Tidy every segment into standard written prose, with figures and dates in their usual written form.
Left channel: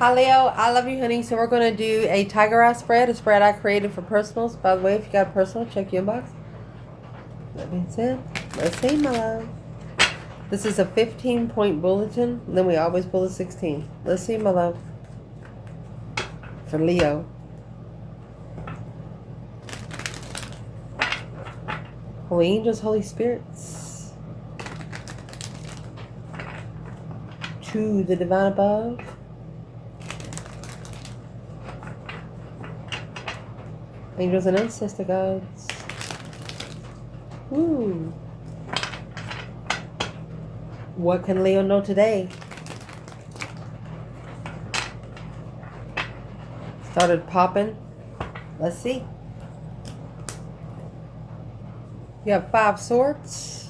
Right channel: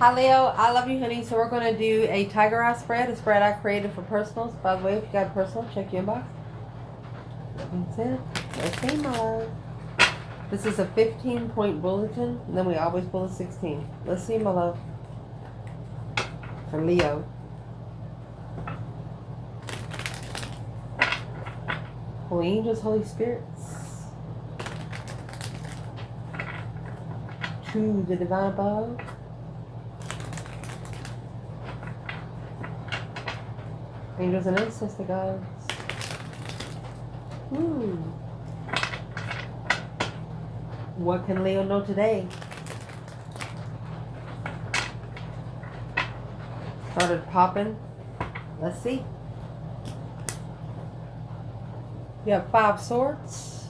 Hi Leo, I love you honey. So we're going to do a tiger eye spread, a spread I created for personals. By the way, if you got a personal, check your inbox. That being said, let's see my love. This is a 15-point bulletin. Then we always pull a 16. Let's see my love. For Leo. Holy angels, Holy spirits. To the divine above. Angels and ancestor gods. Ooh. What can Leo know today? Started popping. Let's see. You have 5 swords.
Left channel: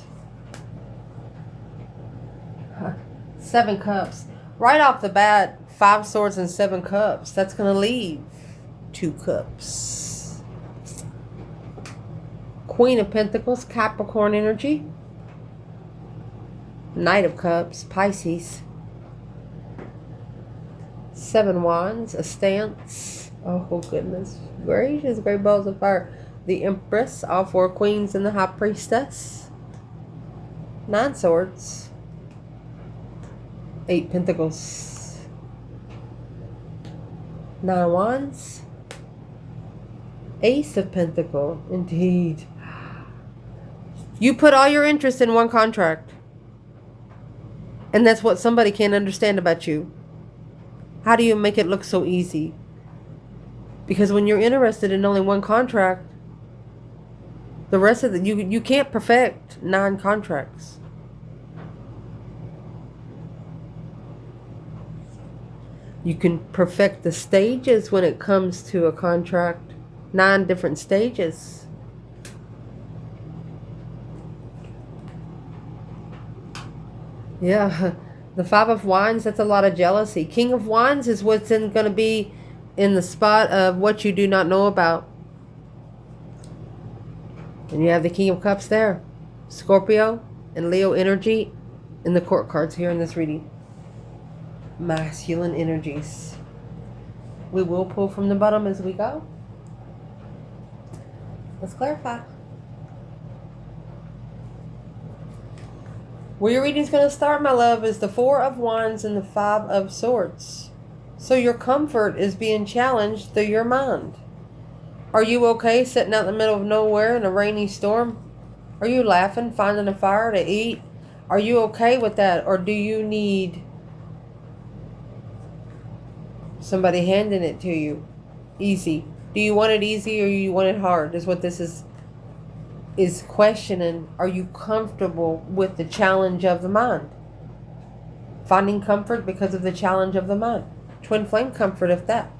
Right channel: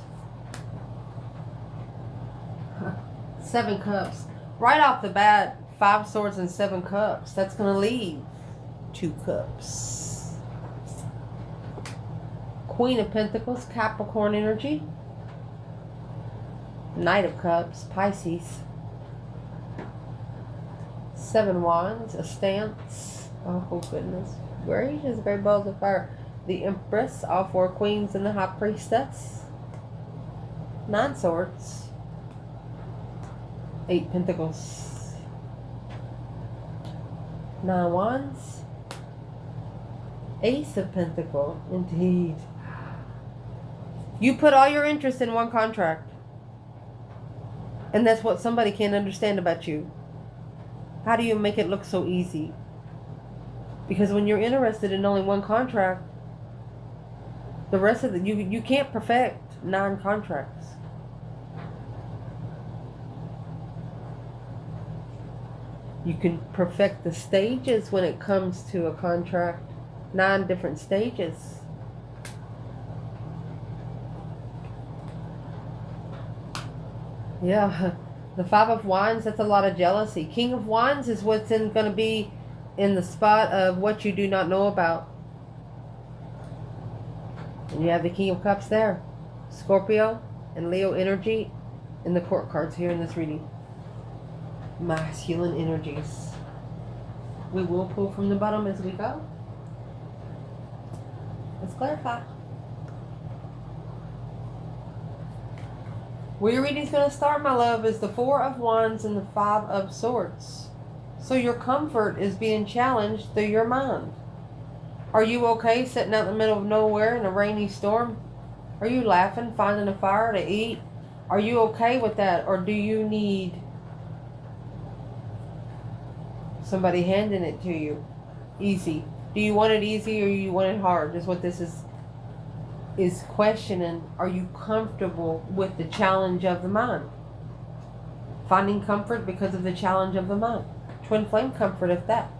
7 cups. Right off the bat, 5 swords and 7 cups. That's going to leave 2 cups. Queen of Pentacles, Capricorn energy. Knight of Cups, Pisces. 7 Wands, a stance. Oh goodness gracious, great balls of fire. The Empress, all 4 queens and the High Priestess. 9 Swords. 8 Pentacles. 9 Wands. Ace of Pentacles, indeed. You put all your interest in one contract. And that's what somebody can't understand about you. How do you make it look so easy? Because when you're interested in only one contract, the rest of you can't perfect 9 contracts. You can perfect the stages when it comes to a contract. 9 different stages. Yeah, the 5 of Wands, that's a lot of jealousy. King of Wands is what's going to be in the spot of what you do not know about. And you have the King of Cups there. Scorpio and Leo energy in the court cards here in this reading. Masculine energies. We will pull from the bottom as we go. Let's clarify. Where your reading's going to start, my love, is the 4 of Wands and the 5 of Swords. So your comfort is being challenged through your mind. Are you okay sitting out in the middle of nowhere in a rainy storm? Are you laughing, finding a fire to eat? Are you okay with that? Or do you need somebody handing it to you? Easy. Do you want it easy or you want it hard? Is what this is questioning. Are you comfortable with the challenge of the mind? Finding comfort because of the challenge of the mind. Twin flame comfort, if that.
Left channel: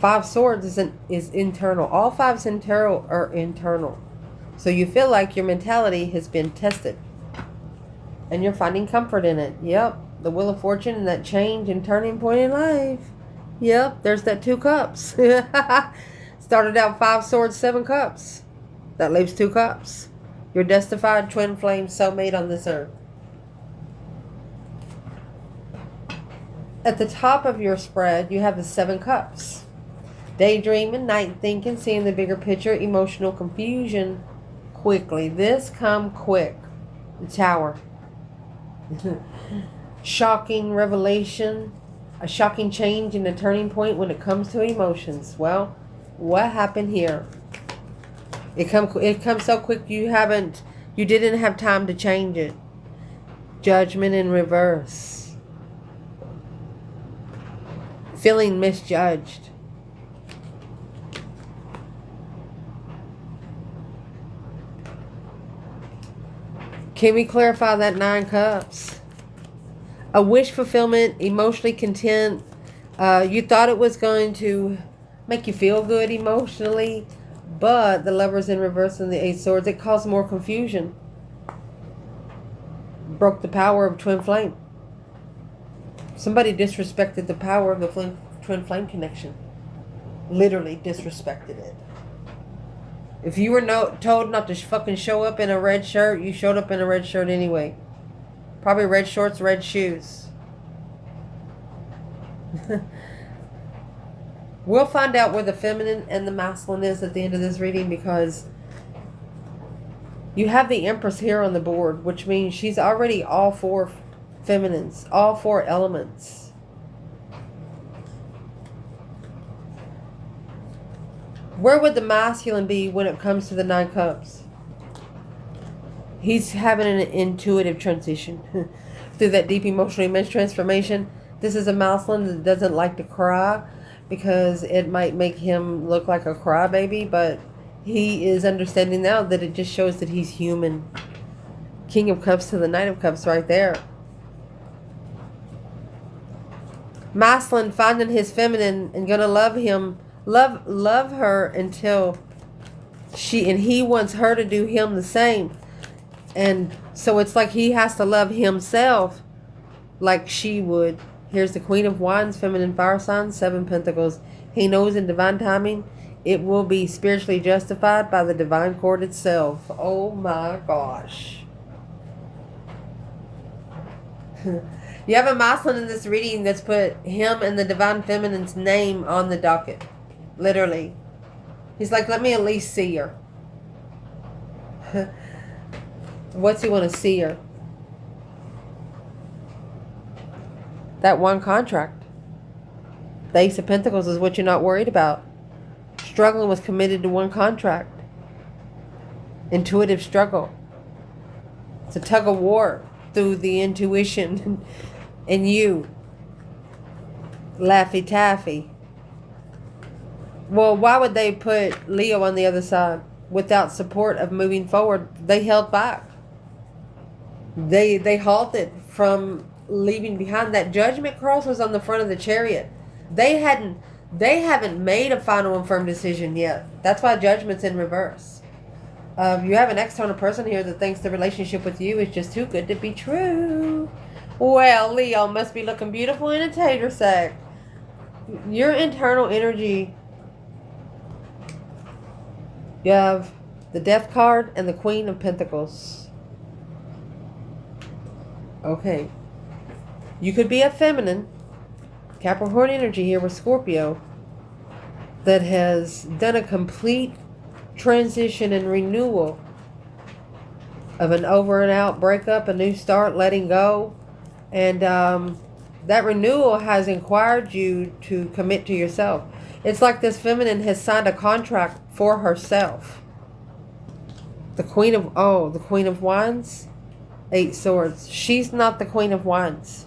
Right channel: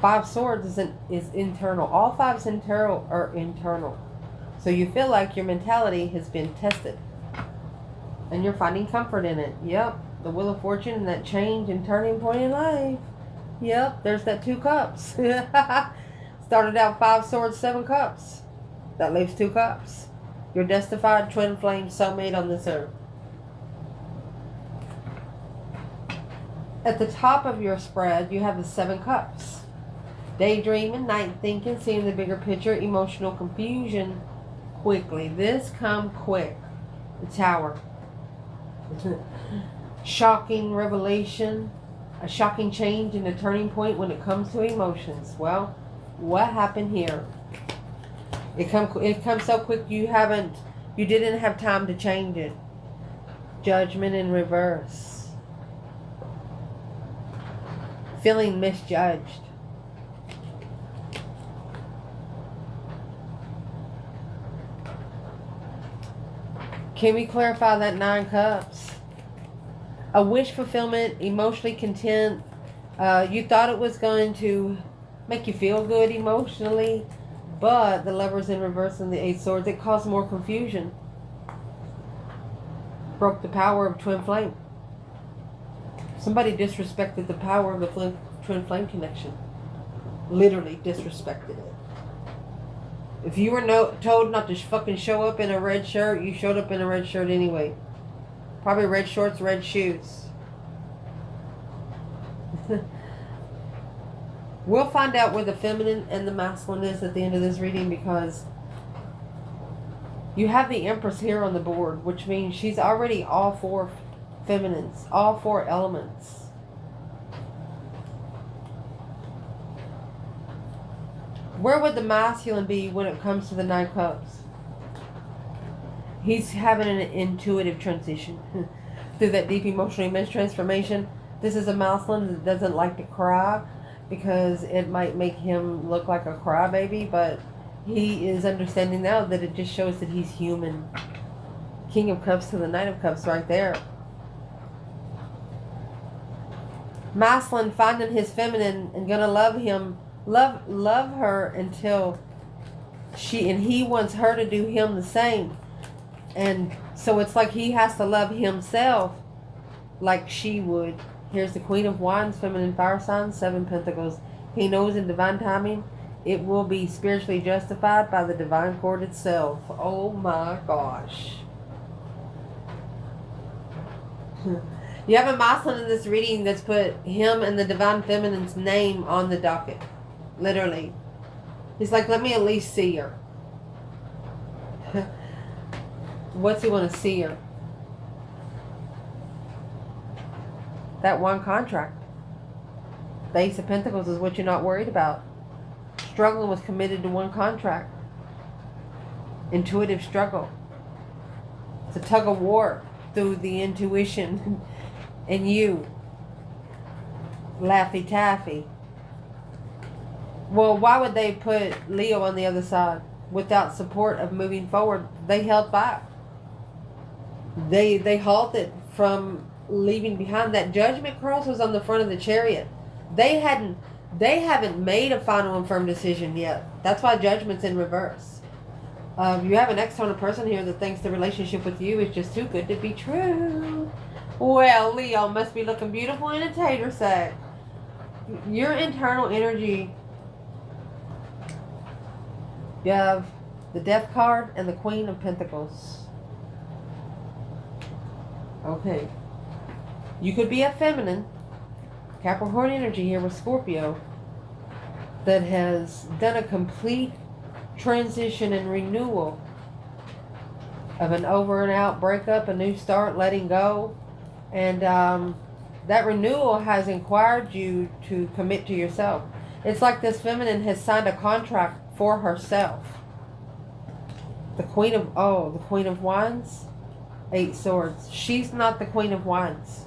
5 swords is internal. All 5s internal are internal. So you feel like your mentality has been tested. And you're finding comfort in it. Yep. The Wheel of Fortune and that change and turning point in life. Yep. There's that 2 cups. Started out 5 swords, 7 cups. That leaves 2 cups. Your destined twin flame soulmate on this earth. At the top of your spread, you have the 7 cups. Daydreaming, night thinking, seeing the bigger picture, emotional confusion quickly. This come quick. The Tower. Shocking revelation. A shocking change and a turning point when it comes to emotions. Well, what happened here? It comes so quick you didn't have time to change it. Judgment in reverse. Feeling misjudged. Can we clarify that 9 cups? A wish fulfillment, emotionally content. You thought it was going to make you feel good emotionally. But the Lovers in reverse and the 8 swords, it caused more confusion. Broke the power of twin flame. Somebody disrespected the power of the twin flame connection. Literally disrespected it. If you were told not to fucking show up in a red shirt, you showed up in a red shirt anyway. Probably red shorts, red shoes. We'll find out where the feminine and the masculine is at the end of this reading, because you have the Empress here on the board, which means she's already all four feminines, all four elements. Where would the masculine be when it comes to the Nine Cups? He's having an intuitive transition through that deep emotional image transformation. This is a masculine that doesn't like to cry because it might make him look like a crybaby, but he is understanding now that it just shows that he's human. King of Cups to the Knight of Cups right there. Masculine finding his feminine and gonna love him, love her until he wants her to do him the same. And so it's like he has to love himself like she would. Here's the Queen of Wands, feminine fire sign, 7 Pentacles. He knows in divine timing it will be spiritually justified by the divine court itself. Oh my gosh. You have a masculine in this reading that's put him and the divine feminine's name on the docket. Literally. He's like, let me at least see her. What's he want to see her? That one contract. The Ace of Pentacles is what you're not worried about. Struggling with committed to one contract. Intuitive struggle. It's a tug of war through the intuition and you. Laffy Taffy. Well, why would they put Leo on the other side? Without support of moving forward, they held back. They halted from leaving behind. That Judgment cross was on the front of the Chariot. They haven't made a final and firm decision yet. That's why Judgment's in reverse. You have an external person here that thinks the relationship with you is just too good to be true. Well, Leo must be looking beautiful in a tater sack. Your internal energy. You have the Death card and the Queen of Pentacles. Okay. You could be a feminine, Capricorn energy here with Scorpio, that has done a complete transition and renewal of an over and out breakup, a new start, letting go. And that renewal has inquired you to commit to yourself. It's like this feminine has signed a contract for herself. The Queen of Wands, 8 Swords. She's not the Queen of Wands.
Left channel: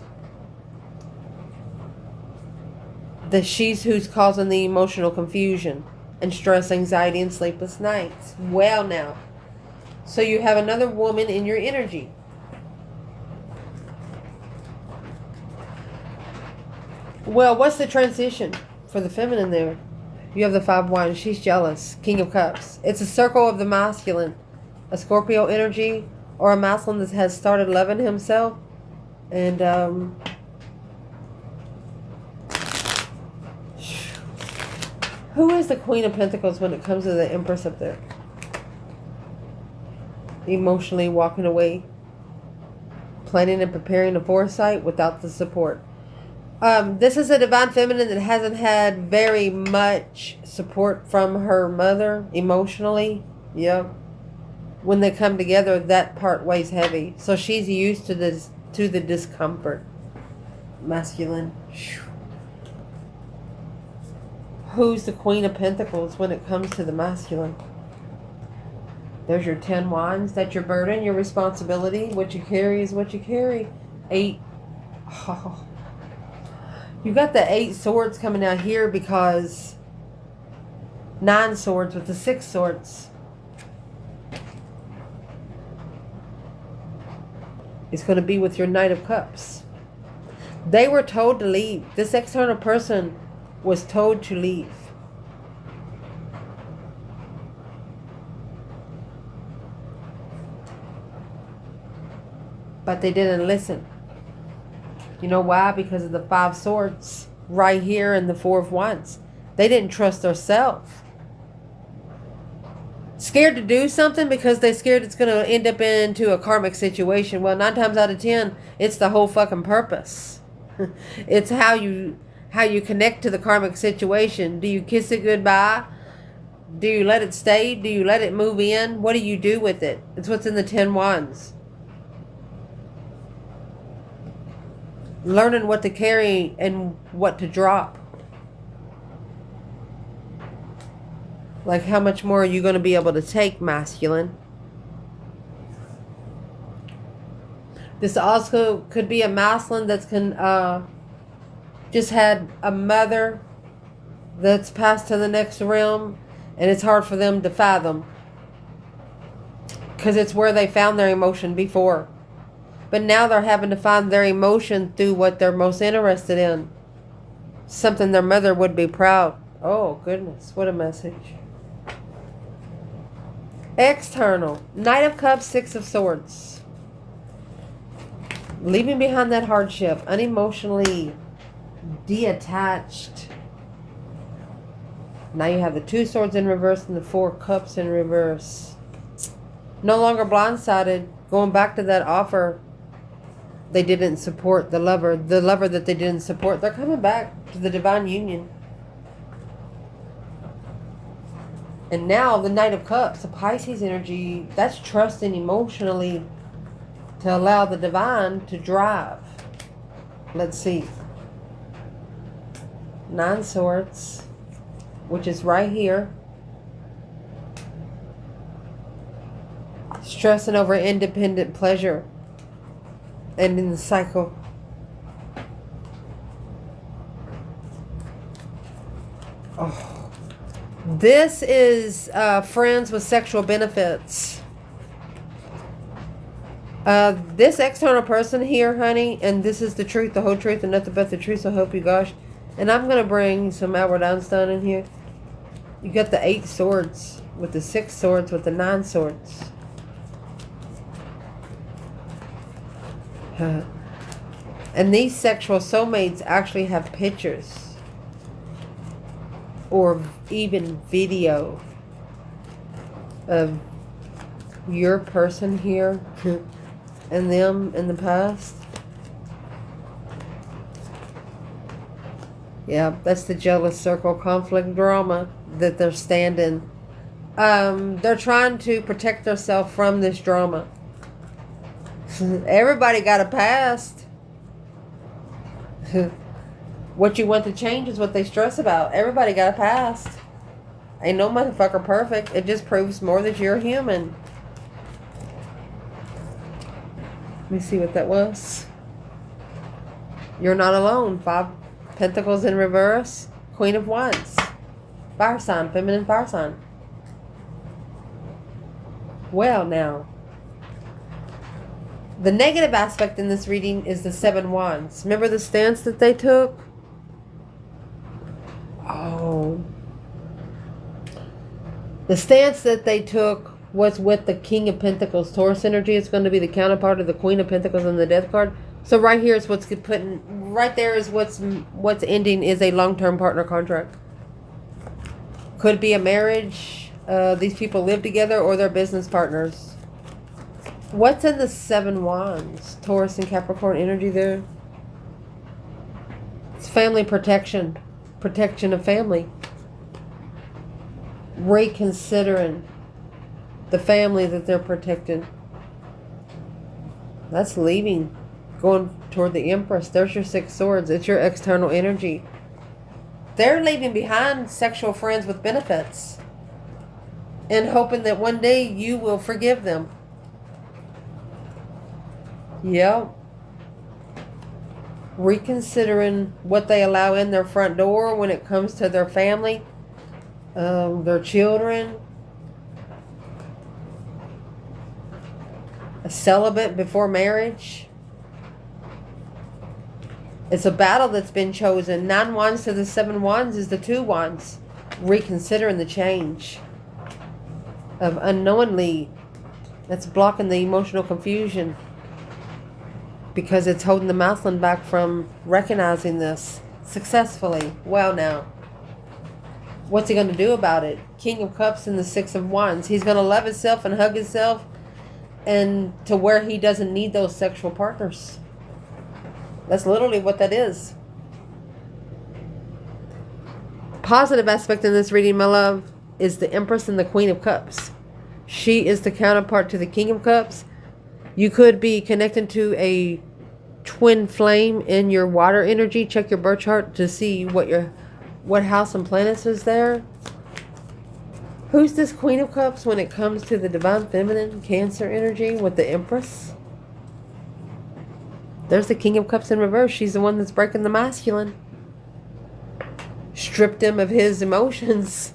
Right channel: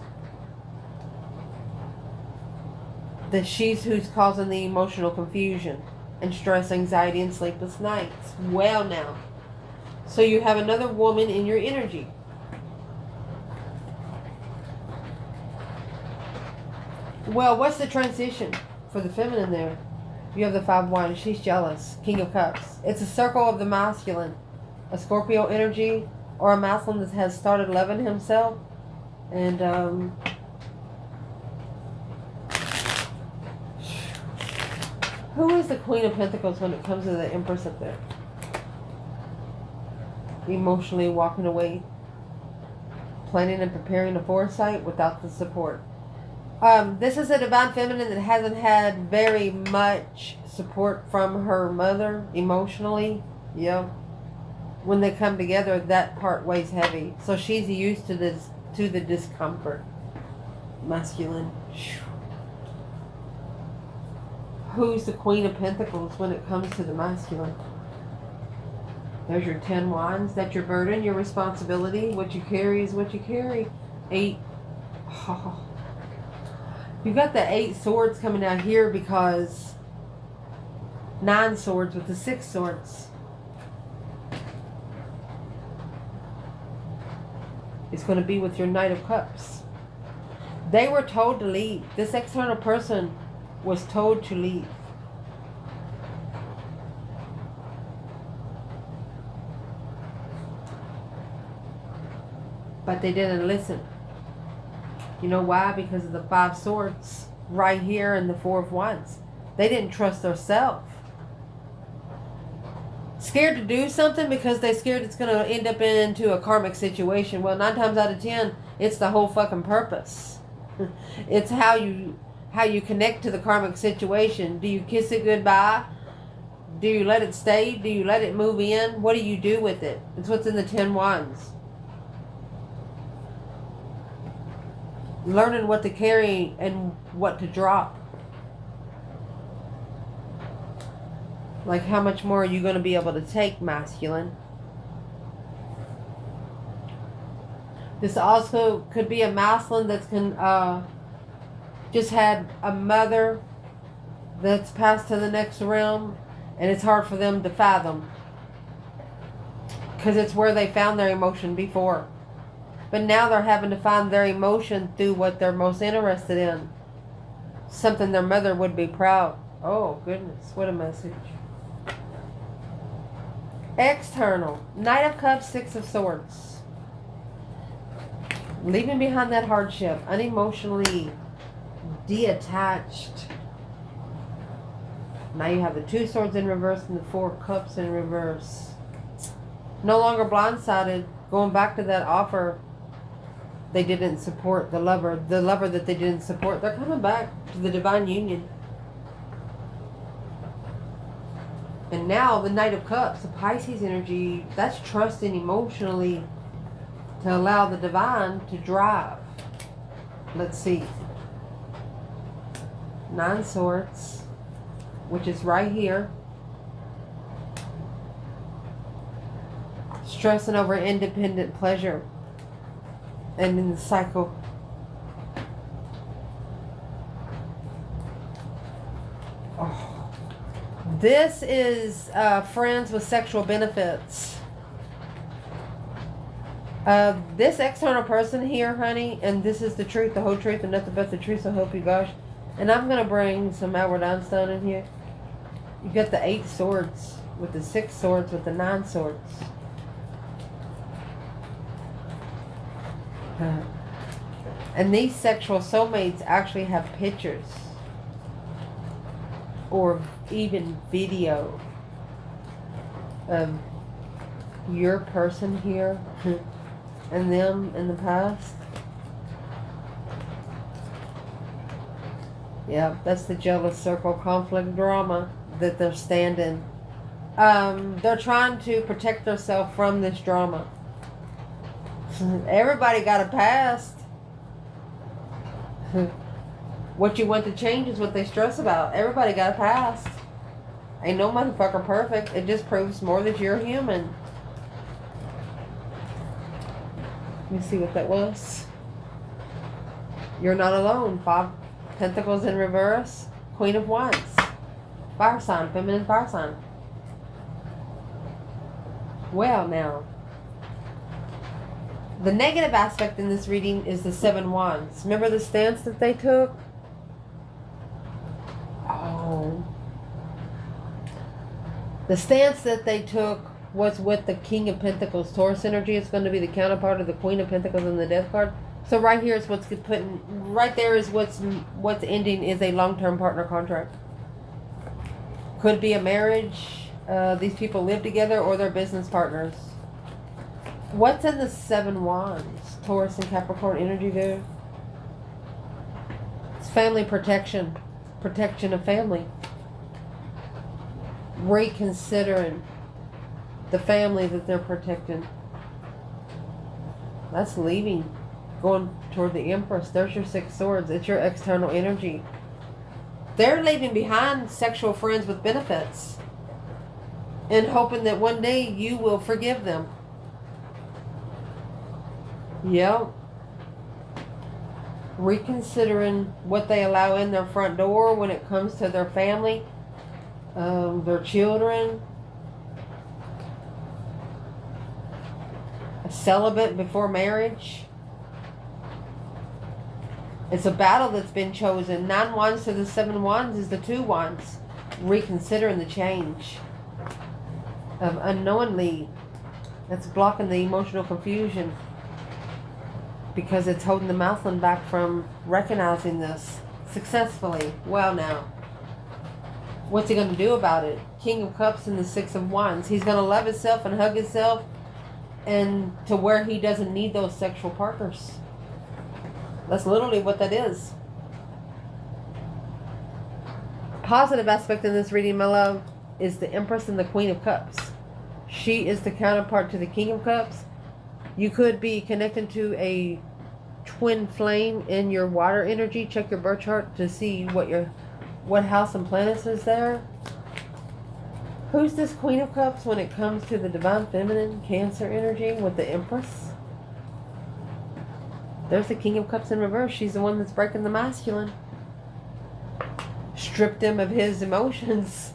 She's who's causing the emotional confusion and stress, anxiety, and sleepless nights. Well now. So you have another woman in your energy. Well, what's the transition for the feminine there? You have the 5 Wands. She's jealous. King of Cups. It's a circle of the masculine. A Scorpio energy or a masculine that has started loving himself. And who is the Queen of Pentacles when it comes to the Empress up there? Emotionally walking away. Planning and preparing a foresight without the support. This is a divine feminine that hasn't had very much support from her mother emotionally. Yeah. When they come together, that part weighs heavy. So she's used to the discomfort. Masculine. Who's the Queen of Pentacles when it comes to the masculine? There's your 10 Wands. That's your burden, your responsibility. What you carry is what you carry. 8. Oh. You got the 8 Swords coming out here because 9 Swords with the 6 Swords. It's going to be with your Knight of Cups. They were told to leave. This external person was told to leave. But they didn't listen. You know why? Because of the 5 Swords right here and the 4 of Wands. They didn't trust themselves. Scared to do something because they're scared it's going to end up into a karmic situation. Well, 9 times out of 10, it's the whole fucking purpose. It's how how you connect to the karmic situation. Do you kiss it goodbye? Do you let it stay? Do you let it move in? What do you do with it? It's what's in the 10 Wands. Learning what to carry and what to drop. Like, how much more are you going to be able to take, masculine? This also could be a masculine that's just had a mother that's passed to the next realm, and it's hard for them to fathom because it's where they found their emotion before. But now they're having to find their emotion through what they're most interested in. Something their mother would be proud. Oh, goodness. What a message. External. Knight of Cups, Six of Swords. Leaving behind that hardship. Unemotionally detached. Now you have the 2 Swords in reverse and the 4 Cups in reverse. No longer blindsided. Going back to that offer they didn't support, the lover that they didn't support. They're coming back to the divine union. And now the Knight of Cups, the Pisces energy, that's trusting emotionally to allow the divine to drive. Let's see. 9 Swords, which is right here. Stressing over independent pleasure. And in the cycle. Oh. This is friends with sexual benefits. This external person here, honey, and this is the truth, the whole truth, and nothing but the truth, so help you gosh. And I'm going to bring some Albert Einstein in here. You got the 8 Swords with the 6 Swords with the 9 Swords. And these sexual soulmates actually have pictures or even video of your person here and them in the past. Yeah, that's the jealous circle conflict drama that they're standing. They're trying to protect themselves from this drama. Everybody got a past. What you want to change is what they stress about. Everybody got a past. Ain't no motherfucker perfect. It just proves more that you're human. Let me see what that was. You're not alone. 5 Pentacles in reverse. Queen of Wands. Fire sign. Feminine fire sign. Well, now. The negative aspect in this reading is the 7 Wands. Remember the stance that they took? Oh. The stance that they took was with the King of Pentacles. Taurus energy. It's going to be the counterpart of the Queen of Pentacles and the Death card. So right here is what's putting, right there is what's ending is a long-term partner contract. Could be a marriage. These people live together or they're business partners. What's in the 7 Wands? Taurus and Capricorn energy there. It's family protection. Protection of family. Reconsidering the family that they're protecting. That's leaving. Going toward the Empress. There's your 6 Swords. It's your external energy. They're leaving behind sexual friends with benefits. And hoping that one day you will forgive them. Yep. Reconsidering what they allow in their front door when it comes to their family, their children. A celibate before marriage. It's a battle that's been chosen. 9 Wands to the 7 Wands is the 2 Wands. Reconsidering the change of unknowingly. That's blocking the emotional confusion. Because it's holding the masculine back from recognizing this successfully. Well, now, what's he going to do about it? King of Cups and the 6 of Wands. He's going to love himself and hug himself, and to where he doesn't need those sexual partners. That's literally what that is. positive aspect in this reading, my love, is the Empress and the Queen of Cups. She is the counterpart to the King of Cups. You could be connected to a twin flame in your water energy. Check your birth chart to see what house and planets is there. Who's this Queen of Cups when it comes to the divine feminine Cancer energy with the Empress? There's the King of Cups in reverse. She's the one that's breaking the masculine. Stripped him of his emotions.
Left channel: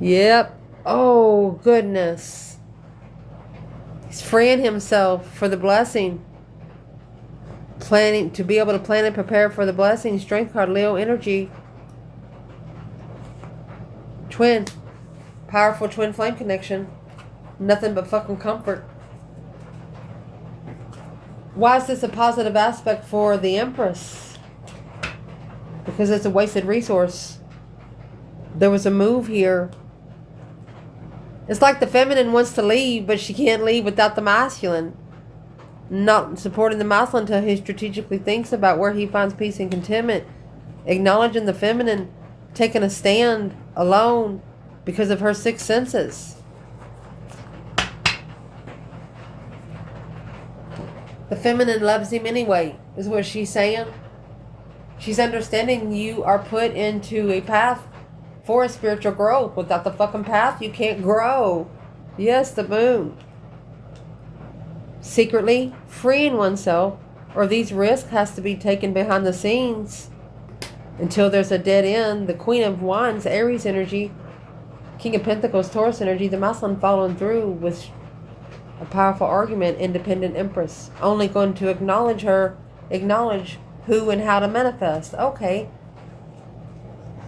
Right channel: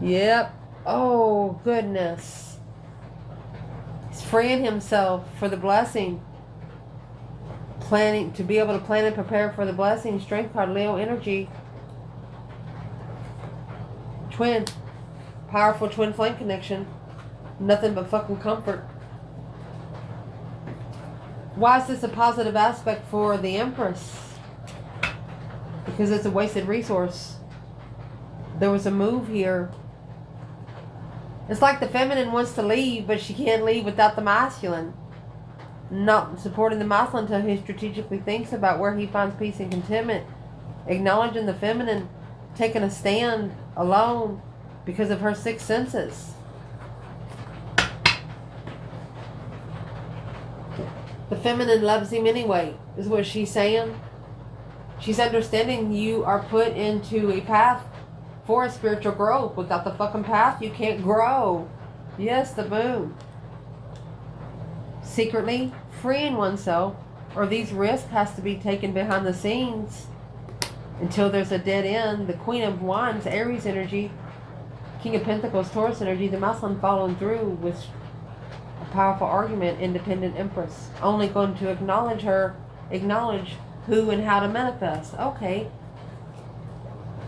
Yep. Oh, goodness. He's freeing himself for the blessing. Planning to be able to plan and prepare for the blessing. Strength card, Leo energy. Twin. Powerful twin flame connection. Nothing but fucking comfort. Why is this a positive aspect for the Empress? Because it's a wasted resource. There was a move here. It's like the feminine wants to leave, but she can't leave without the masculine. Not supporting the masculine until he strategically thinks about where he finds peace and contentment. Acknowledging the feminine, taking a stand alone because of her sixth senses. The feminine loves him anyway, is what she's saying. She's understanding you are put into a path for a spiritual growth. Without the fucking path, you can't grow. Yes, the moon. Secretly freeing oneself, or these risks has to be taken behind the scenes until there's a dead end. The Queen of Wands, Aries energy, King of Pentacles, Taurus energy, the masculine following through with a powerful argument, independent Empress. Only going to acknowledge who and how to manifest. Okay.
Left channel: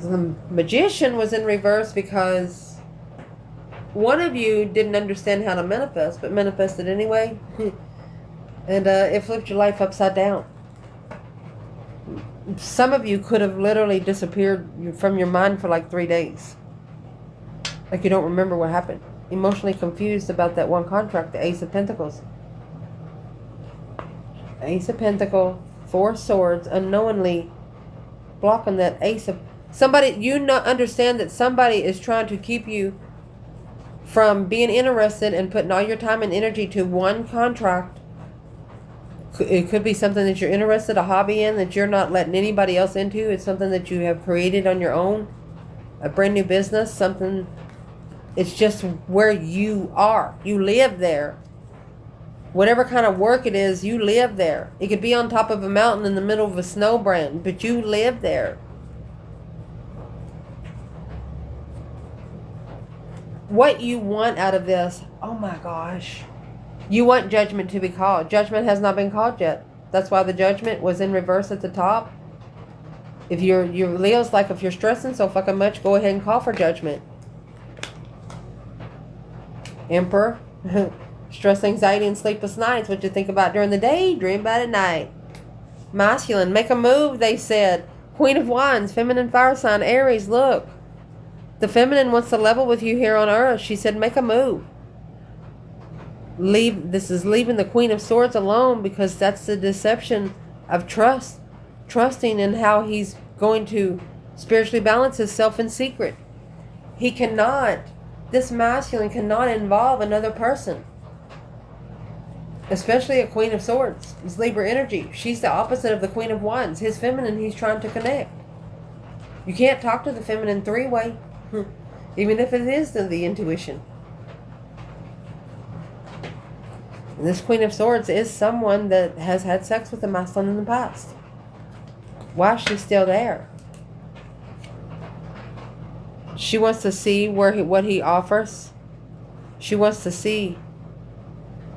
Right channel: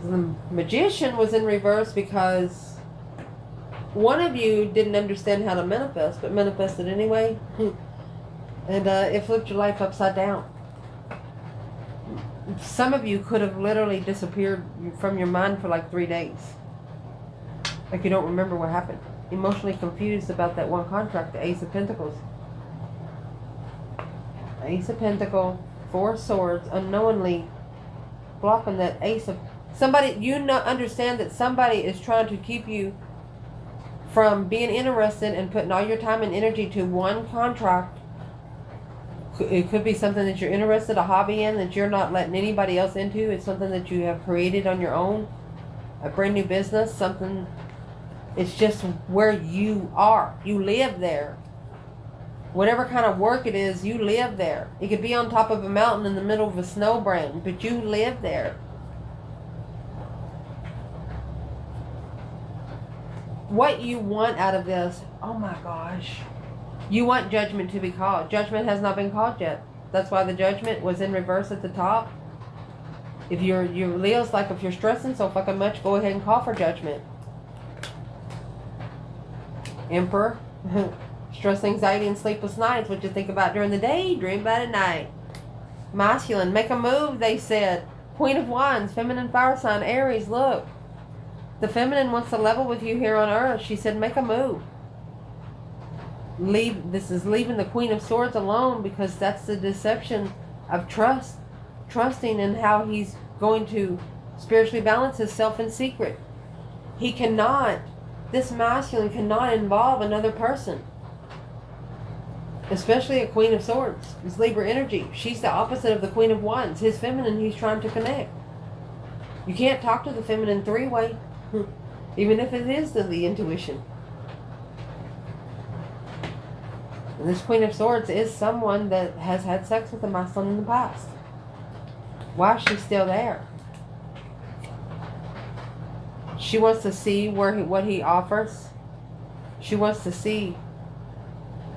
The Magician was in reverse because one of you didn't understand how to manifest, but manifested anyway. And it flipped your life upside down. Some of you could have literally disappeared from your mind for like 3 days. Like you don't remember what happened. Emotionally confused about that one contract, the Ace of Pentacles. Ace of Pentacles, 4 swords, unknowingly blocking that Ace of... Somebody, understand that somebody is trying to keep you from being interested and putting all your time and energy to one contract. It could be something that you're interested, a hobby in, that you're not letting anybody else into. It's something that you have created on your own. A brand new business, something... It's just where you are. You live there. Whatever kind of work it is, you live there. It could be on top of a mountain in the middle of a snow brand, but you live there. What you want out of this, oh my gosh. You want judgment to be called. Judgment has not been called yet. That's why the judgment was in reverse at the top. If your Leo's like, if you're stressing so fucking much, go ahead and call for judgment. Emperor, stress, anxiety, and sleepless nights. What you think about during the day, dream about at night. Masculine, make a move, they said. Queen of Wands, feminine fire sign, Aries, look. The feminine wants to level with you here on earth. She said, make a move. This is leaving the Queen of Swords alone because that's the deception of trust. Trusting in how he's going to spiritually balance himself in secret. He cannot... This masculine cannot involve another person. Especially a Queen of Swords. It's Libra energy. She's the opposite of the Queen of Wands. His feminine, he's trying to connect. You can't talk to the feminine 3-way. Even if it is the intuition. And this Queen of Swords is someone that has had sex with the masculine in the past. Why is she still there? She wants to see what he offers. She wants to see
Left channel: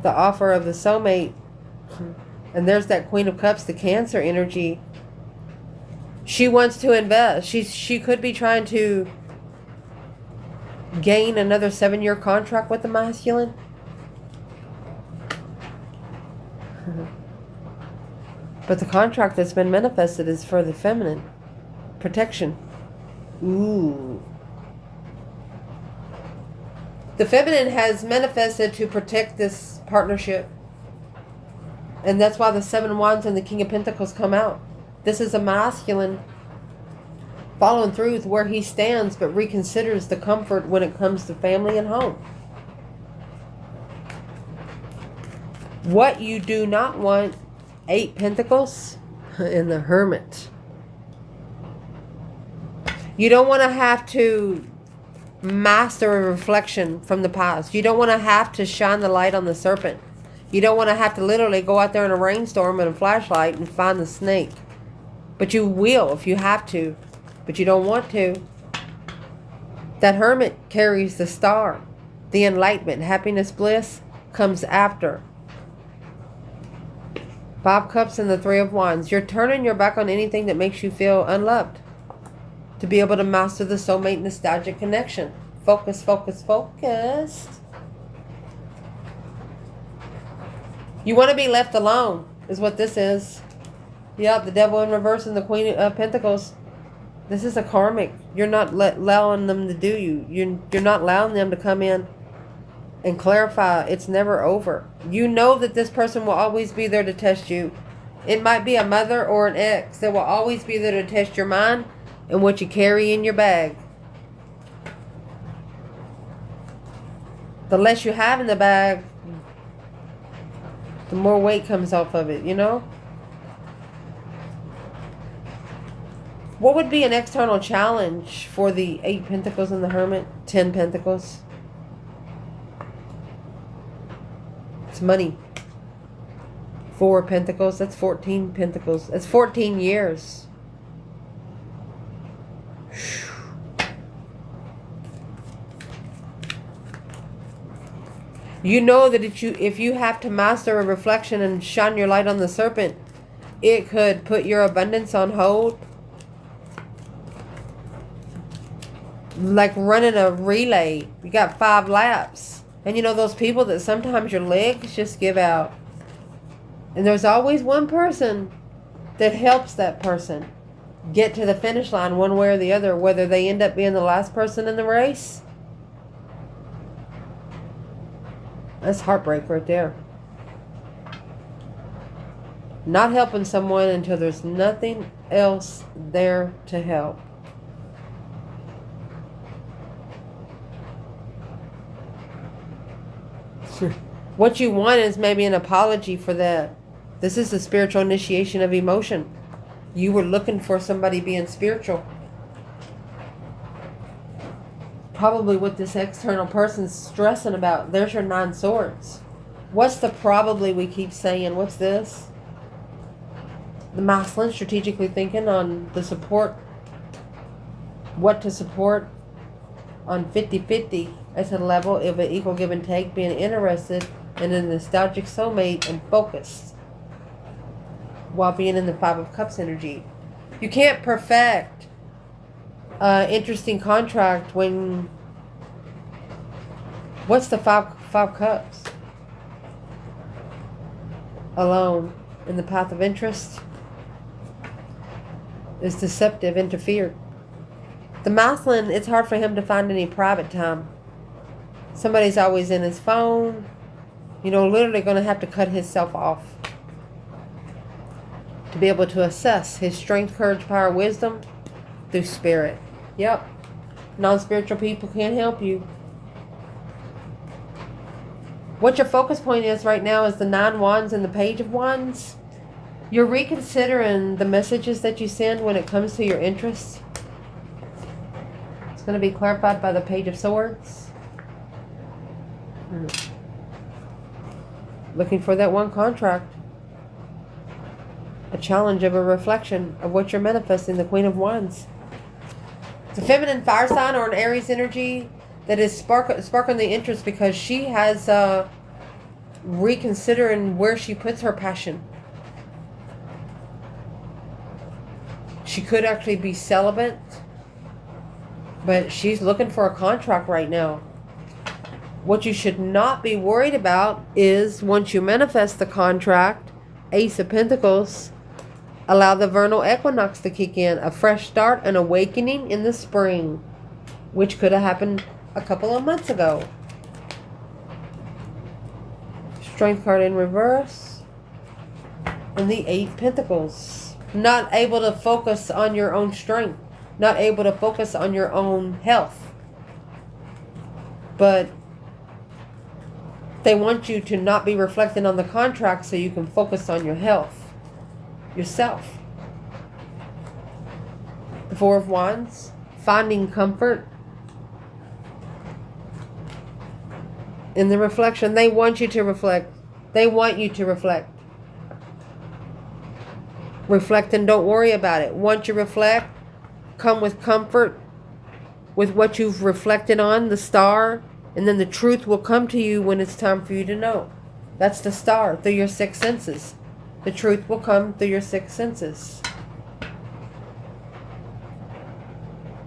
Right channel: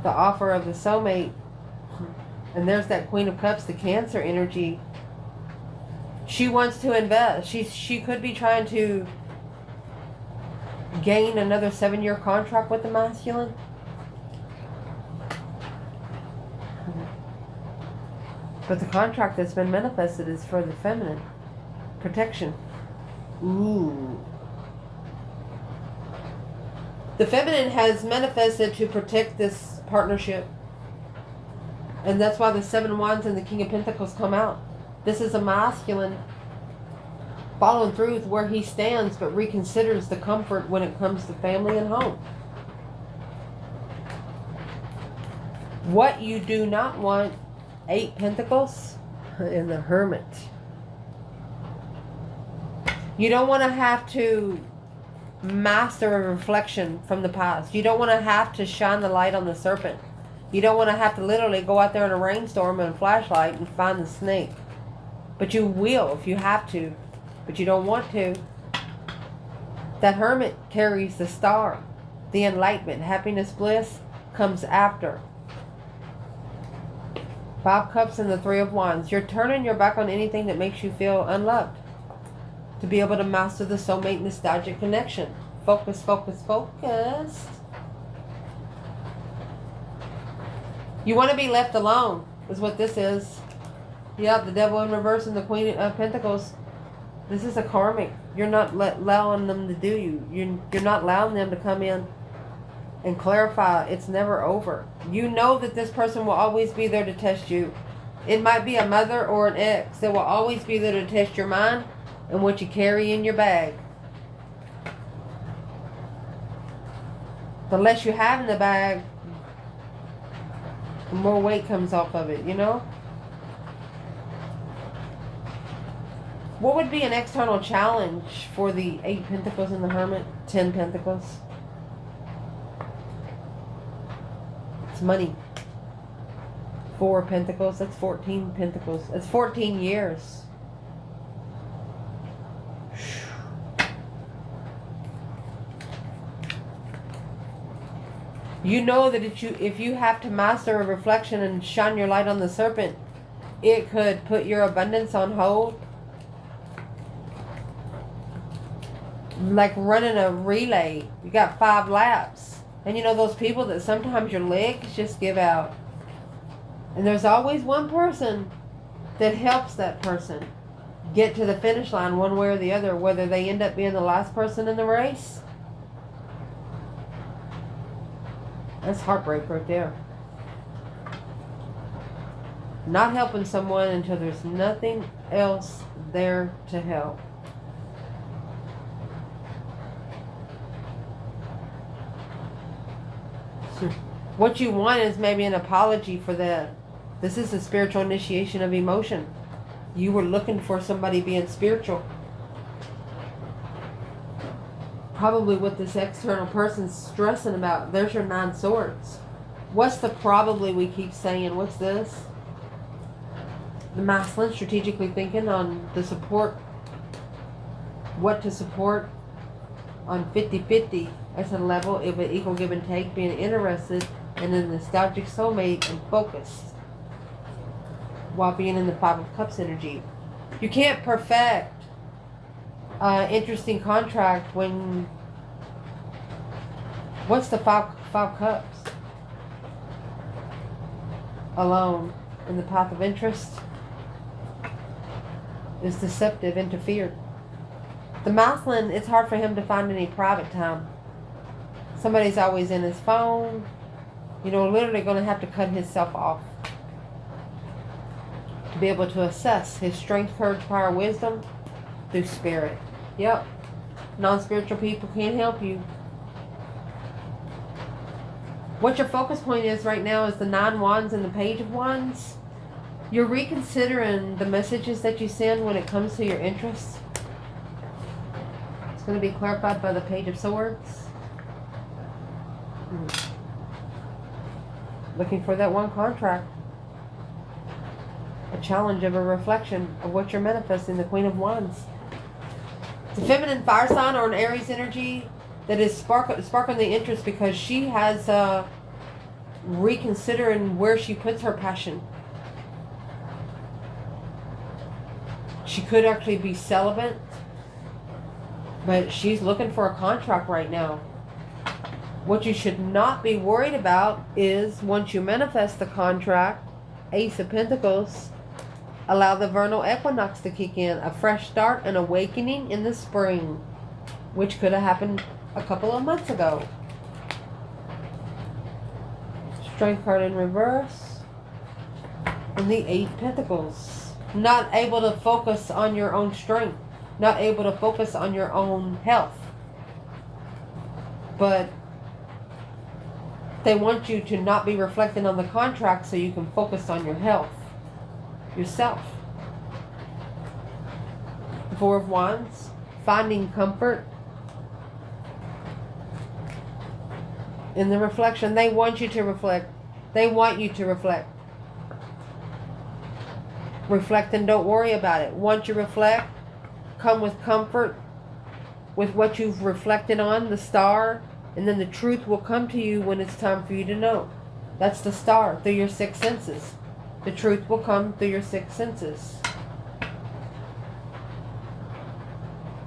the offer of the soulmate. And there's that Queen of Cups, the Cancer energy. She wants to invest. She could be trying to gain another 7-year contract with the masculine. But the contract that's been manifested is for the feminine. Protection. Ooh. The feminine has manifested to protect this partnership. And that's why the 7 Wands and the King of Pentacles come out. This is a masculine following through with where he stands, but reconsiders the comfort when it comes to family and home. What you do not want, 8 Pentacles in the Hermit. You don't want to have to master a reflection from the past. You don't want to have to shine the light on the serpent. You don't want to have to literally go out there in a rainstorm and a flashlight and find the snake. But you will if you have to. But you don't want to. That Hermit carries the star. The enlightenment, happiness, bliss comes after. 5 Cups and the 3 of Wands. You're turning your back on anything that makes you feel unloved. To be able to master the soulmate nostalgic connection. Focus, focus, focus. You want to be left alone, is what this is. Yeah, the Devil in reverse and the Queen of Pentacles. This is a karmic. You're not allowing them to do you. You're not allowing them to come in and clarify. It's never over. You know that this person will always be there to test you. It might be a mother or an ex that will always be there to test your mind and what you carry in your bag. The less you have in the bag, the more weight comes off of it, you know? What would be an external challenge for the 8 Pentacles and the Hermit? 10 Pentacles. It's money. 4 Pentacles. That's 14 Pentacles. That's 14 years. You know that if you have to master a reflection and shine your light on the serpent, it could put your abundance on hold. Like running a relay. You got 5 laps. And you know those people that sometimes your legs just give out. And there's always one person that helps that person get to the finish line one way or the other, whether they end up being the last person in the race. That's heartbreak right there. Not helping someone until there's nothing else there to help. What you want is maybe an apology for that. This is the spiritual initiation of emotion. You were looking for somebody being spiritual. Probably what this external person's stressing about. There's your 9 Swords. What's the probably we keep saying? What's this? The masculine strategically thinking on the support. What to support on 50-50 as a level of an equal give and take, being interested in a nostalgic soulmate and focused while being in the 5 of Cups energy. You can't perfect interesting contract when what's the 5 Cups? Alone in the path of interest is deceptive, interfered. The masculine, it's hard for him to find any private time. Somebody's always in his phone. You know, literally going to have to cut himself off to be able to assess his strength, courage, power, wisdom through spirit. Yep. Non-spiritual people can't help you. What your focus point is right now is the 9 Wands and the Page of Wands. You're reconsidering the messages that you send when it comes to your interests. It's going to be clarified by the Page of Swords. Looking for that one contract. A challenge of a reflection of what you're manifesting, the Queen of Wands. It's a feminine fire sign or an Aries energy that is sparking the interest because she has reconsidering where she puts her passion. She could actually be celibate, but she's looking for a contract right now. What you should not be worried about is once you manifest the contract, Ace of Pentacles, allow the vernal equinox to kick in. A fresh start, an awakening in the spring, which could have happened a couple of months ago. Strength card in reverse. And the 8 Pentacles. Not able to focus on your own strength. not able to focus on your own health. But they want you to not be reflecting on the contract so you can focus on your health, yourself. The Four of Wands, finding comfort in the reflection. They want you to reflect. They want you to reflect. Reflect and don't worry about it. Once you reflect, come with comfort with what you've reflected on, the star, and then the truth will come to you when it's time for you to know. That's the star, through your six senses. The truth will come through your six senses.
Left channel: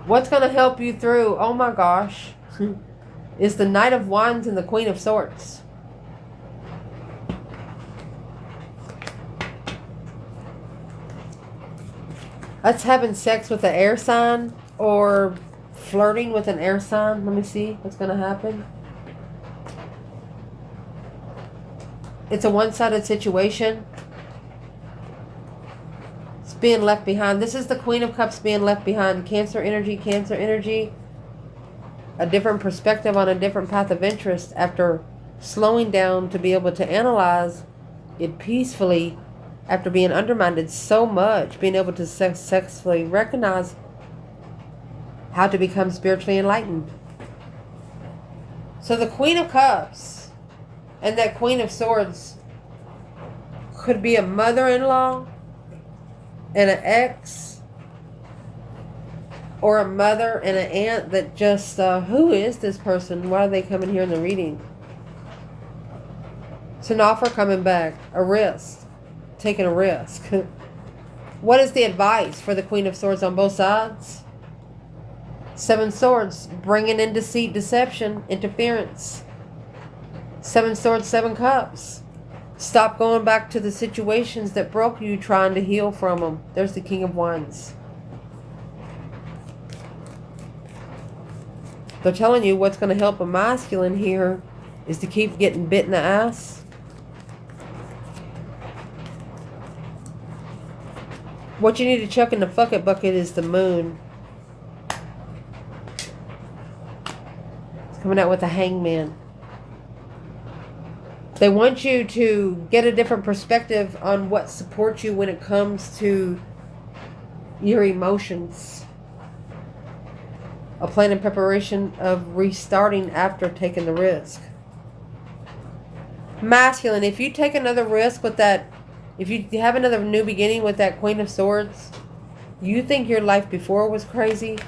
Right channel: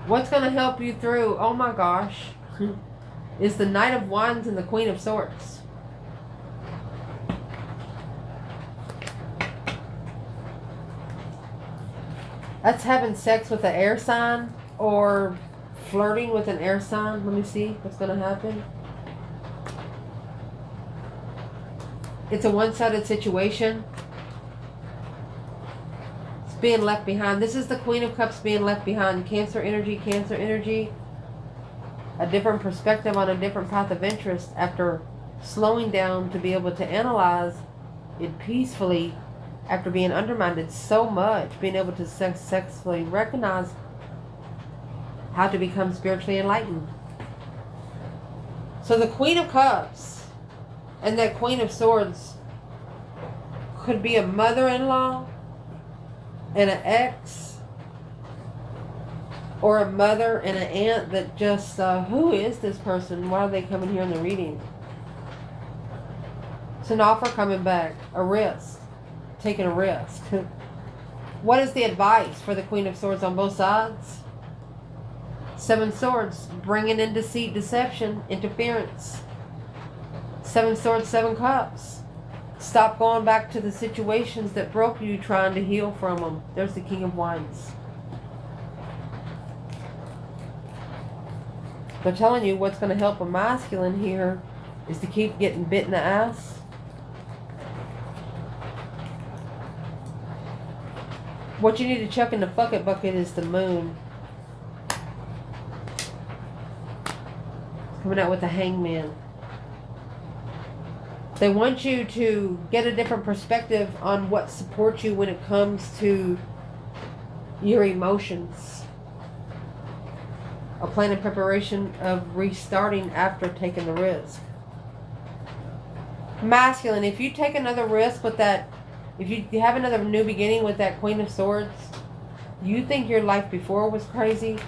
What's going to help you through, oh my gosh, is the Knight of Wands and the Queen of Swords. That's having sex with an air sign or flirting with an air sign. Let me see what's going to happen. It's a one-sided situation. It's being left behind. This is the Queen of Cups being left behind. Cancer energy, Cancer energy. A different perspective on a different path of interest after slowing down to be able to analyze it peacefully after being undermined so much, being able to successfully recognize how to become spiritually enlightened. So the Queen of Cups and that Queen of Swords could be a mother-in-law and an ex, or a mother and an aunt that just, who is this person? Why are they coming here in the reading? It's an offer coming back, a risk, taking a risk. What is the advice for the Queen of Swords on both sides? Seven Swords, bringing in deceit, deception, interference. Seven Swords, Seven Cups. Stop going back to the situations that broke you, trying to heal from them. There's the King of Wands. They're telling you what's going to help a masculine here is to keep getting bit in the ass. What you need to chuck in the bucket is the moon. It's coming out with a hangman. They want you to get a different perspective on what supports you when it comes to your emotions. A plan and preparation of restarting after taking the risk. Masculine, if you take another risk with that, if you have another new beginning with that Queen of Swords, you think your life before was crazy.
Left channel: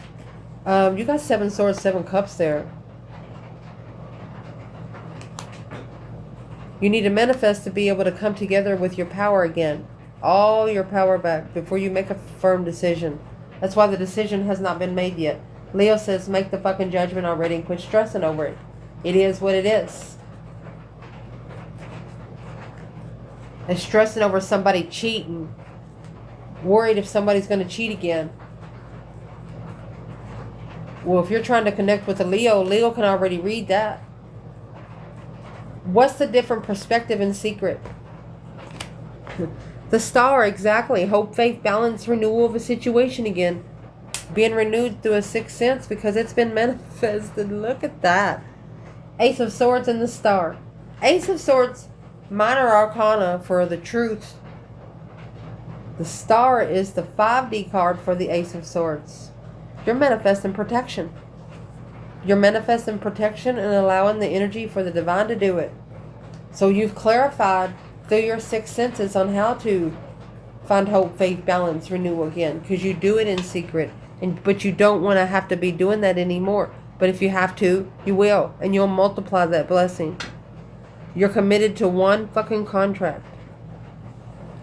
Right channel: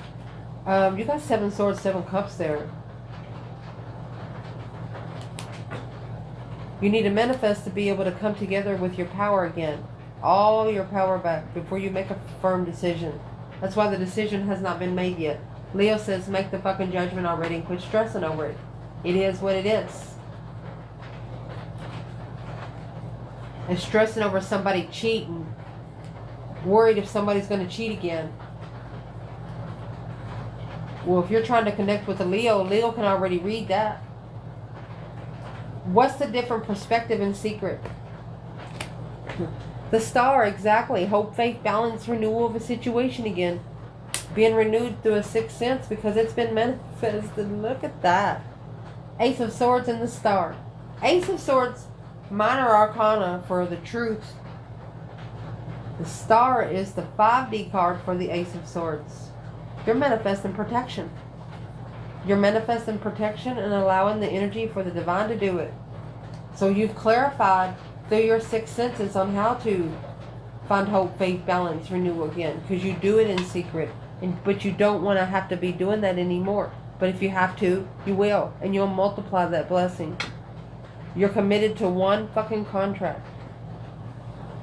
You got Seven Swords, Seven Cups there. You need to manifest to be able to come together with your power again. All your power back before you make a firm decision. That's why the decision has not been made yet. Leo says make the fucking judgment already and quit stressing over it. It is what it is. And stressing over somebody cheating. Worried if somebody's going to cheat again. Well, if you're trying to connect with a Leo, Leo can already read that. What's the different perspective in secret? The Star, exactly. Hope, faith, balance, renewal of a situation again. Being renewed through a sixth sense because it's been manifested. Look at that. Ace of Swords and the Star. Ace of Swords, minor arcana for the truth. The Star is the 5D card for the Ace of Swords. You're manifesting protection. You're manifesting protection and allowing the energy for the divine to do it. So you've clarified through your six senses on how to find hope, faith, balance, renewal again. Because you do it in secret. But you don't want to have to be doing that anymore. But if you have to, you will. And you'll multiply that blessing. You're committed to one fucking contract.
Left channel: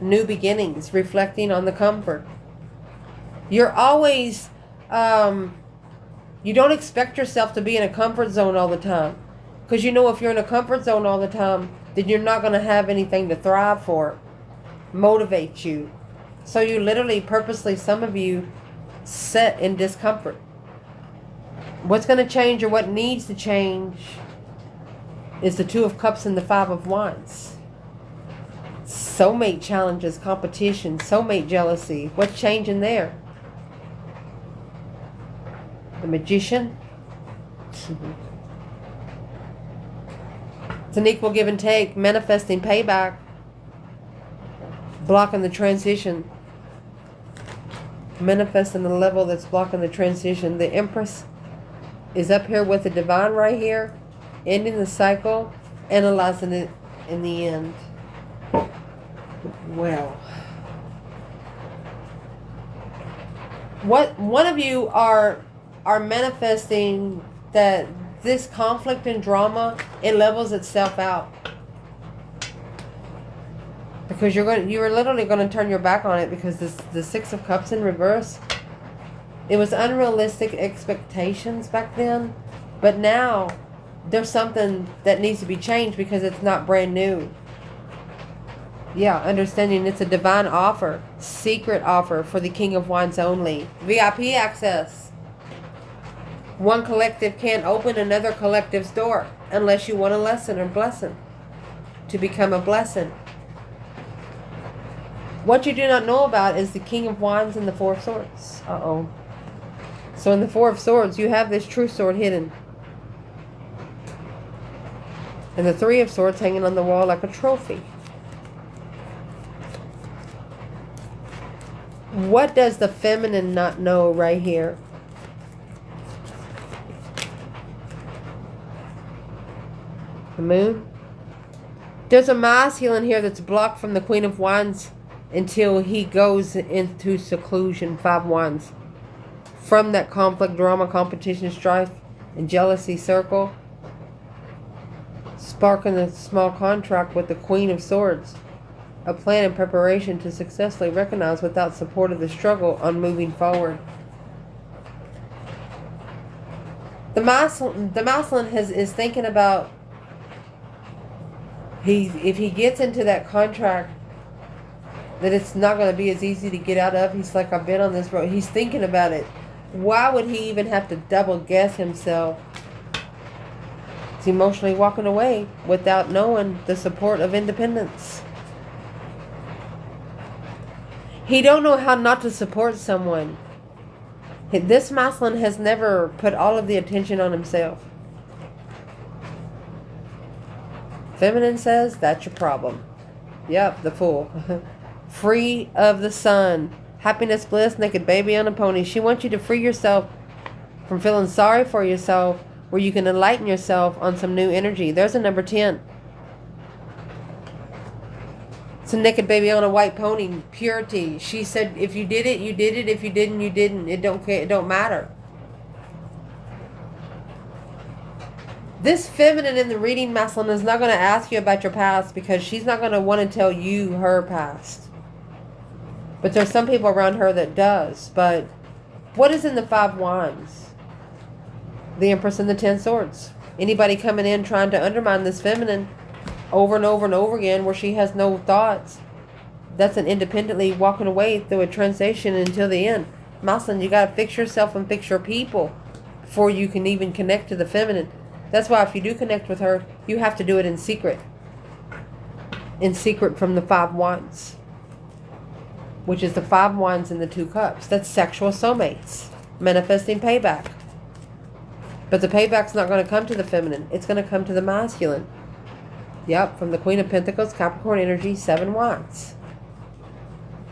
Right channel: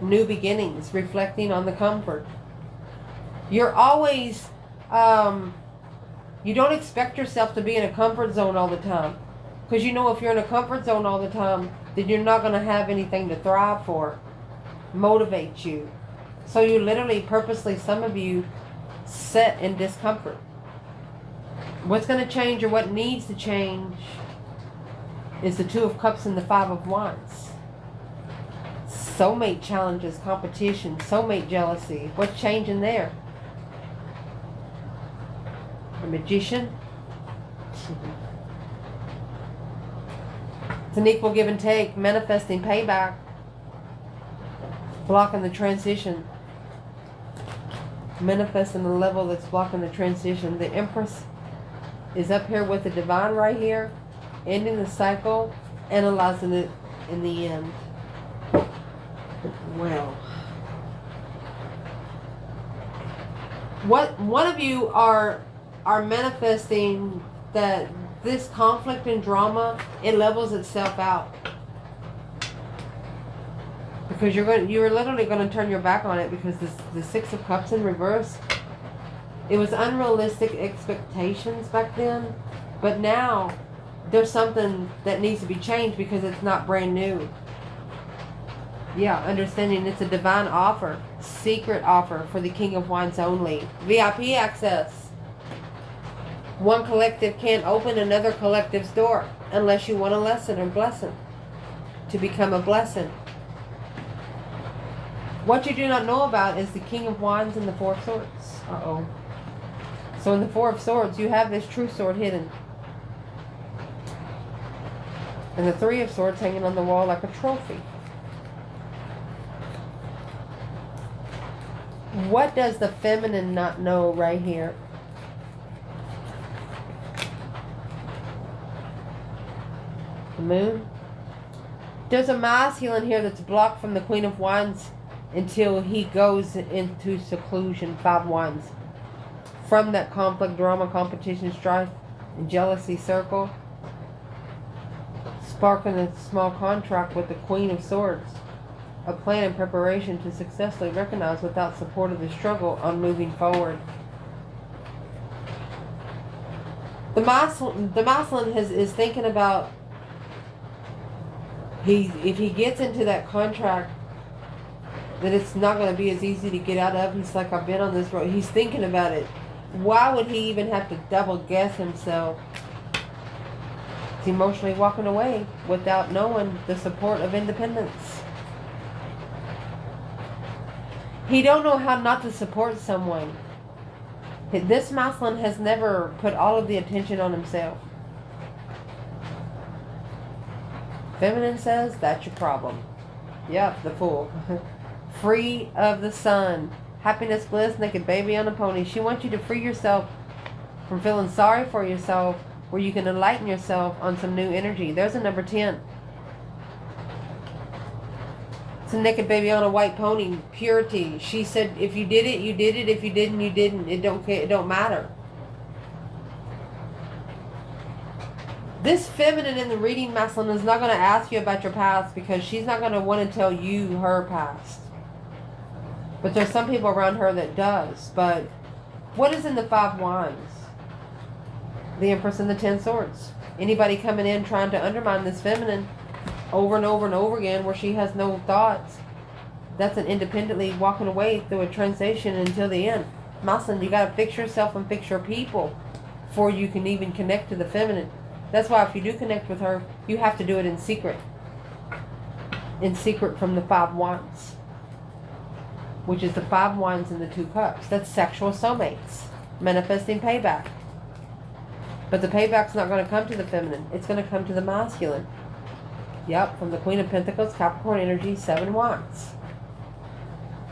New beginnings, reflecting on the comfort. You're always... you don't expect yourself to be in a comfort zone all the time. Because you know if you're in a comfort zone all the time, then you're not going to have anything to thrive for. Motivate you. So you literally, purposely, some of you, set in discomfort. What's going to change or what needs to change is the Two of Cups and the Five of Wands. Soulmate challenges, competition, soulmate jealousy. What's changing there? The Magician. It's an equal give and take, manifesting payback, blocking the transition, manifesting the level that's blocking the transition. The Empress is up here with the Divine right here, ending the cycle, analyzing it in the end. Well, one of you are manifesting that this conflict and drama, it levels itself out, because you're literally going to turn your back on it, because the Six of Cups in reverse, it was unrealistic expectations back then, but now there's something that needs to be changed because it's not brand new. Yeah, understanding it's a divine offer, secret offer for the King of Wands only. VIP access. One collective can't open another collective's door unless you want a lesson or blessing to become a blessing. What you do not know about is the King of Wands and the Four of Swords. Uh-oh. So in the Four of Swords, you have this true sword hidden. And the Three of Swords hanging on the wall like a trophy. What does the feminine not know right here? The Moon. There's a masculine here that's blocked from the Queen of Wands until he goes into seclusion. 5 Wands. From that conflict, drama, competition, strife, and jealousy circle. Sparking a small contract with the Queen of Swords. A plan and preparation to successfully recognize without support of the struggle on moving forward. The masculine is thinking about, if he gets into that contract, that it's not going to be as easy to get out of. He's like, I've been on this road. He's thinking about it. Why would he even have to double guess himself? He's emotionally walking away without knowing the support of independence. He don't know how not to support someone. This masculine has never put all of the attention on himself. Feminine says, that's your problem. Yep, the Fool. Free of the sun. Happiness, bliss, naked baby on a pony. She wants you to free yourself from feeling sorry for yourself, where you can enlighten yourself on some new energy. There's a number 10. It's a naked baby on a white pony. Purity. She said, if you did it, you did it. If you didn't, you didn't. It don't matter. This feminine in the reading masculine is not going to ask you about your past, because she's not going to want to tell you her past. But there's some people around her that does. But what is in the 5 Wands? The Empress and the 10 Swords. Anybody coming in trying to undermine this feminine over and over and over again, where she has no thoughts, that's an independently walking away through a transition until the end. Masculine, you got to fix yourself and fix your people before you can even connect to the feminine. That's why if you do connect with her, you have to do it in secret. In secret from the 5 Wands. Which is the 5 Wands and the 2 Cups. That's sexual soulmates. Manifesting payback. But the payback's not going to come to the feminine. It's going to come to the masculine. Yep, from the Queen of Pentacles, Capricorn energy, 7 Wands.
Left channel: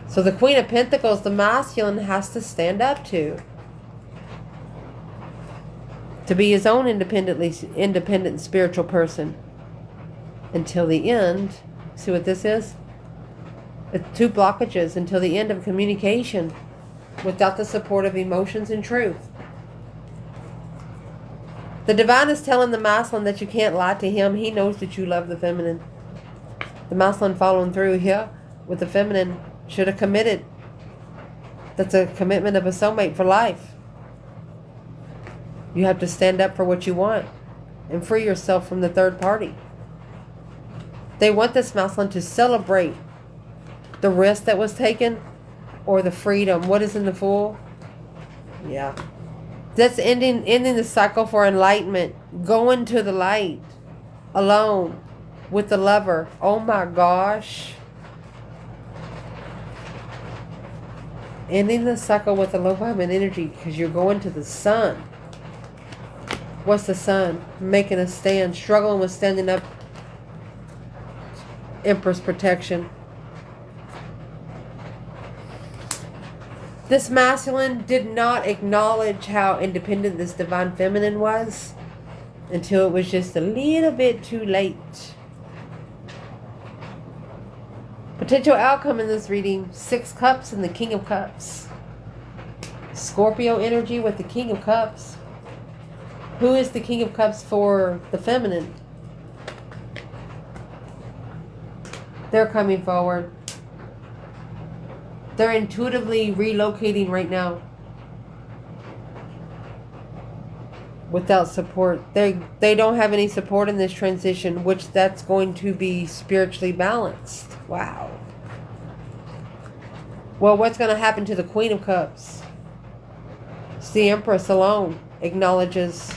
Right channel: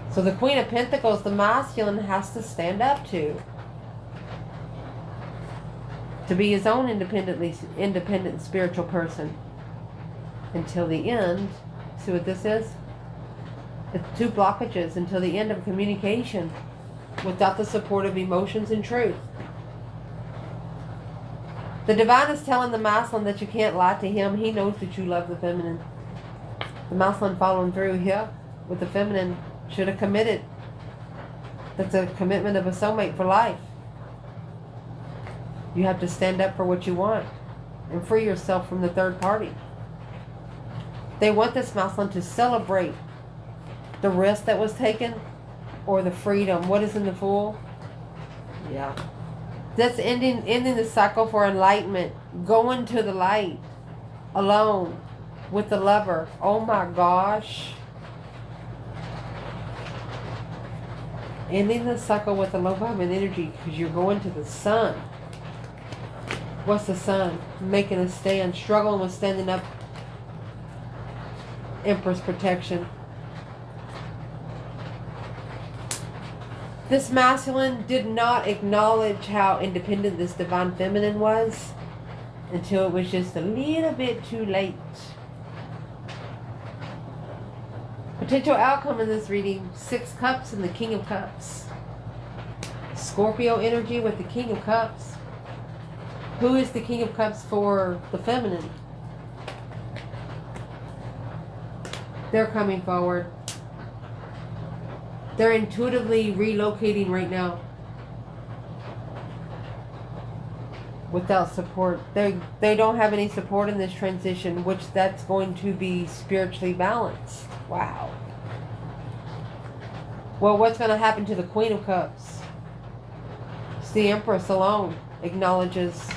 So the Queen of Pentacles, the masculine has to stand up to be his own independent spiritual person until the end. See what this is? It's 2 blockages until the end of communication without the support of emotions and truth. The divine is telling the masculine that you can't lie to him. He knows that you love the feminine. The masculine following through here with the feminine should have committed. That's a commitment of a soulmate for life. You have to stand up for what you want and free yourself from the third party. They want this masculine to celebrate the risk that was taken or the freedom. What is in the Fool? Yeah. That's ending the cycle for enlightenment. Going to the light. Alone. With the lover. Oh my gosh. Ending the cycle with the low vibration energy, because you're going to the sun. What's the Sun? Making a stand, struggling with standing up. Empress protection. This masculine did not acknowledge how independent this divine feminine was until it was just a little bit too late. Potential outcome in this reading, 6 Cups and the King of Cups. Scorpio energy with the King of Cups. Who is the King of Cups for the feminine? They're coming forward. They're intuitively relocating right now. Without support. They don't have any support in this transition, which that's going to be spiritually balanced. Wow. Well, what's going to happen to the Queen of Cups? It's the Empress alone acknowledges.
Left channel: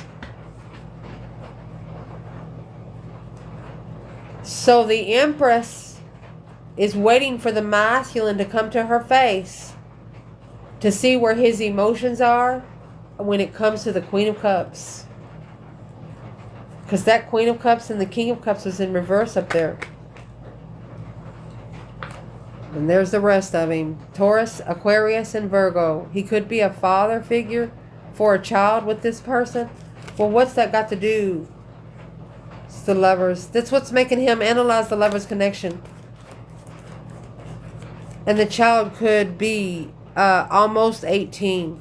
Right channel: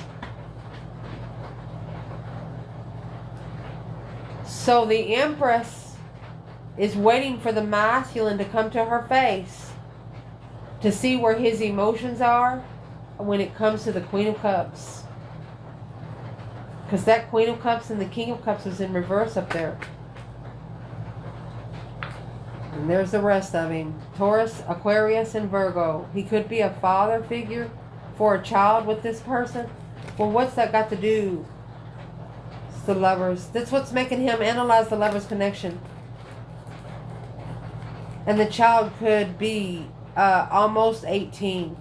So the Empress is waiting for the masculine to come to her face to see where his emotions are when it comes to the Queen of Cups. Because that Queen of Cups and the King of Cups is in reverse up there. And there's the rest of him. Taurus, Aquarius, and Virgo. He could be a father figure for a child with this person. Well, what's that got to do? It's the Lovers. That's what's making him analyze the Lovers connection. And the child could be almost 18.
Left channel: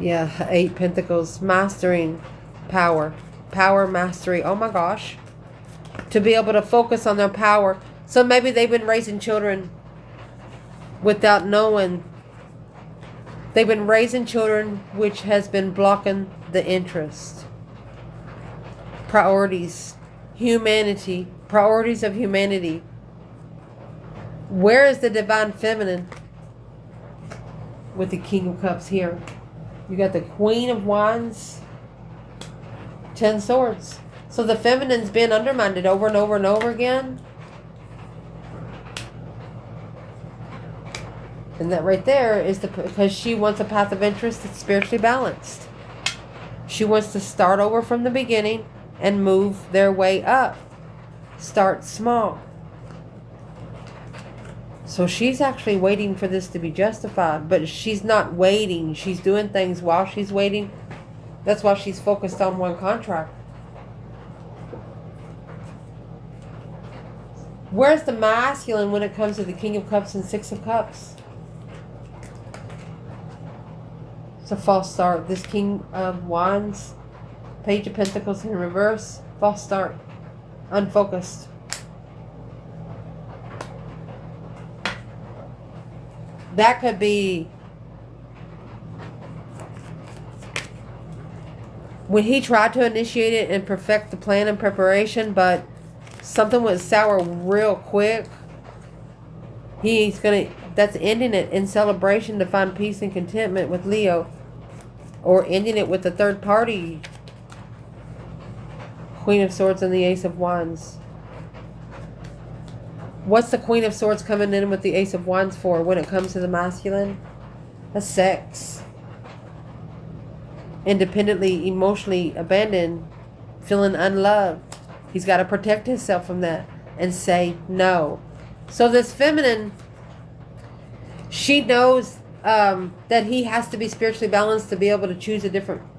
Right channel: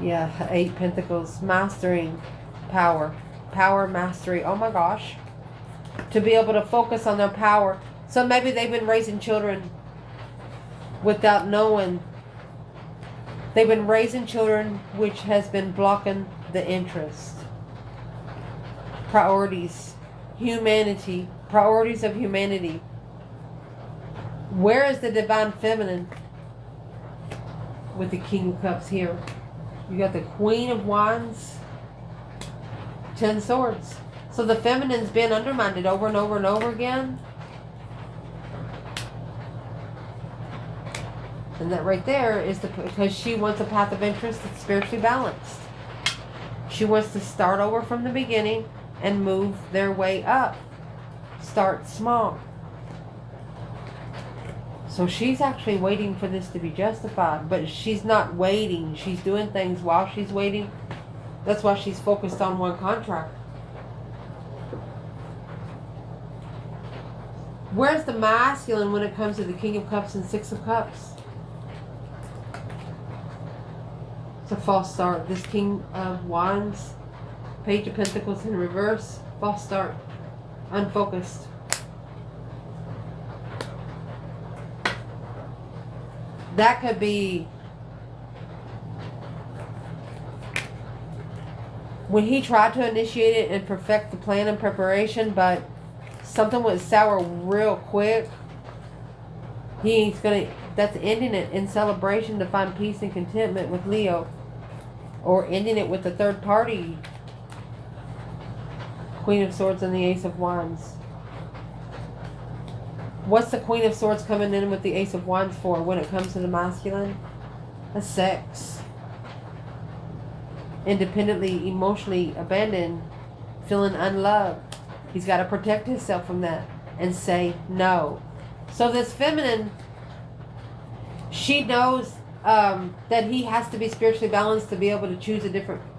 Yeah, 8 Pentacles. Mastering power. Power mastery. Oh my gosh. To be able to focus on their power. So maybe they've been raising children without knowing. They've been raising children which has been blocking the interest. Priorities. Humanity. Priorities of humanity. Where is the divine feminine with the King of Cups here? You got the Queen of Wands. 10 Swords. So the feminine's been undermined over and over and over again. And that right there is because she wants a path of interest that's spiritually balanced. She wants to start over from the beginning and move their way up. Start small. So she's actually waiting for this to be justified. But she's not waiting. She's doing things while she's waiting. That's why she's focused on one contract. Where's the masculine when it comes to the King of Cups and 6 of Cups? It's a false start. This King of Wands, Page of Pentacles in reverse, false start. Unfocused. That could be when he tried to initiate it and perfect the plan and preparation, but something went sour real quick. That's ending it in celebration to find peace and contentment with Leo. Or ending it with the third party. Queen of Swords and the Ace of Wands. What's the Queen of Swords coming in with the Ace of Wands for when it comes to the masculine? That's sex. Independently, emotionally abandoned, feeling unloved. He's got to protect himself from that and say no. So this feminine, she knows that he has to be spiritually balanced to be able to choose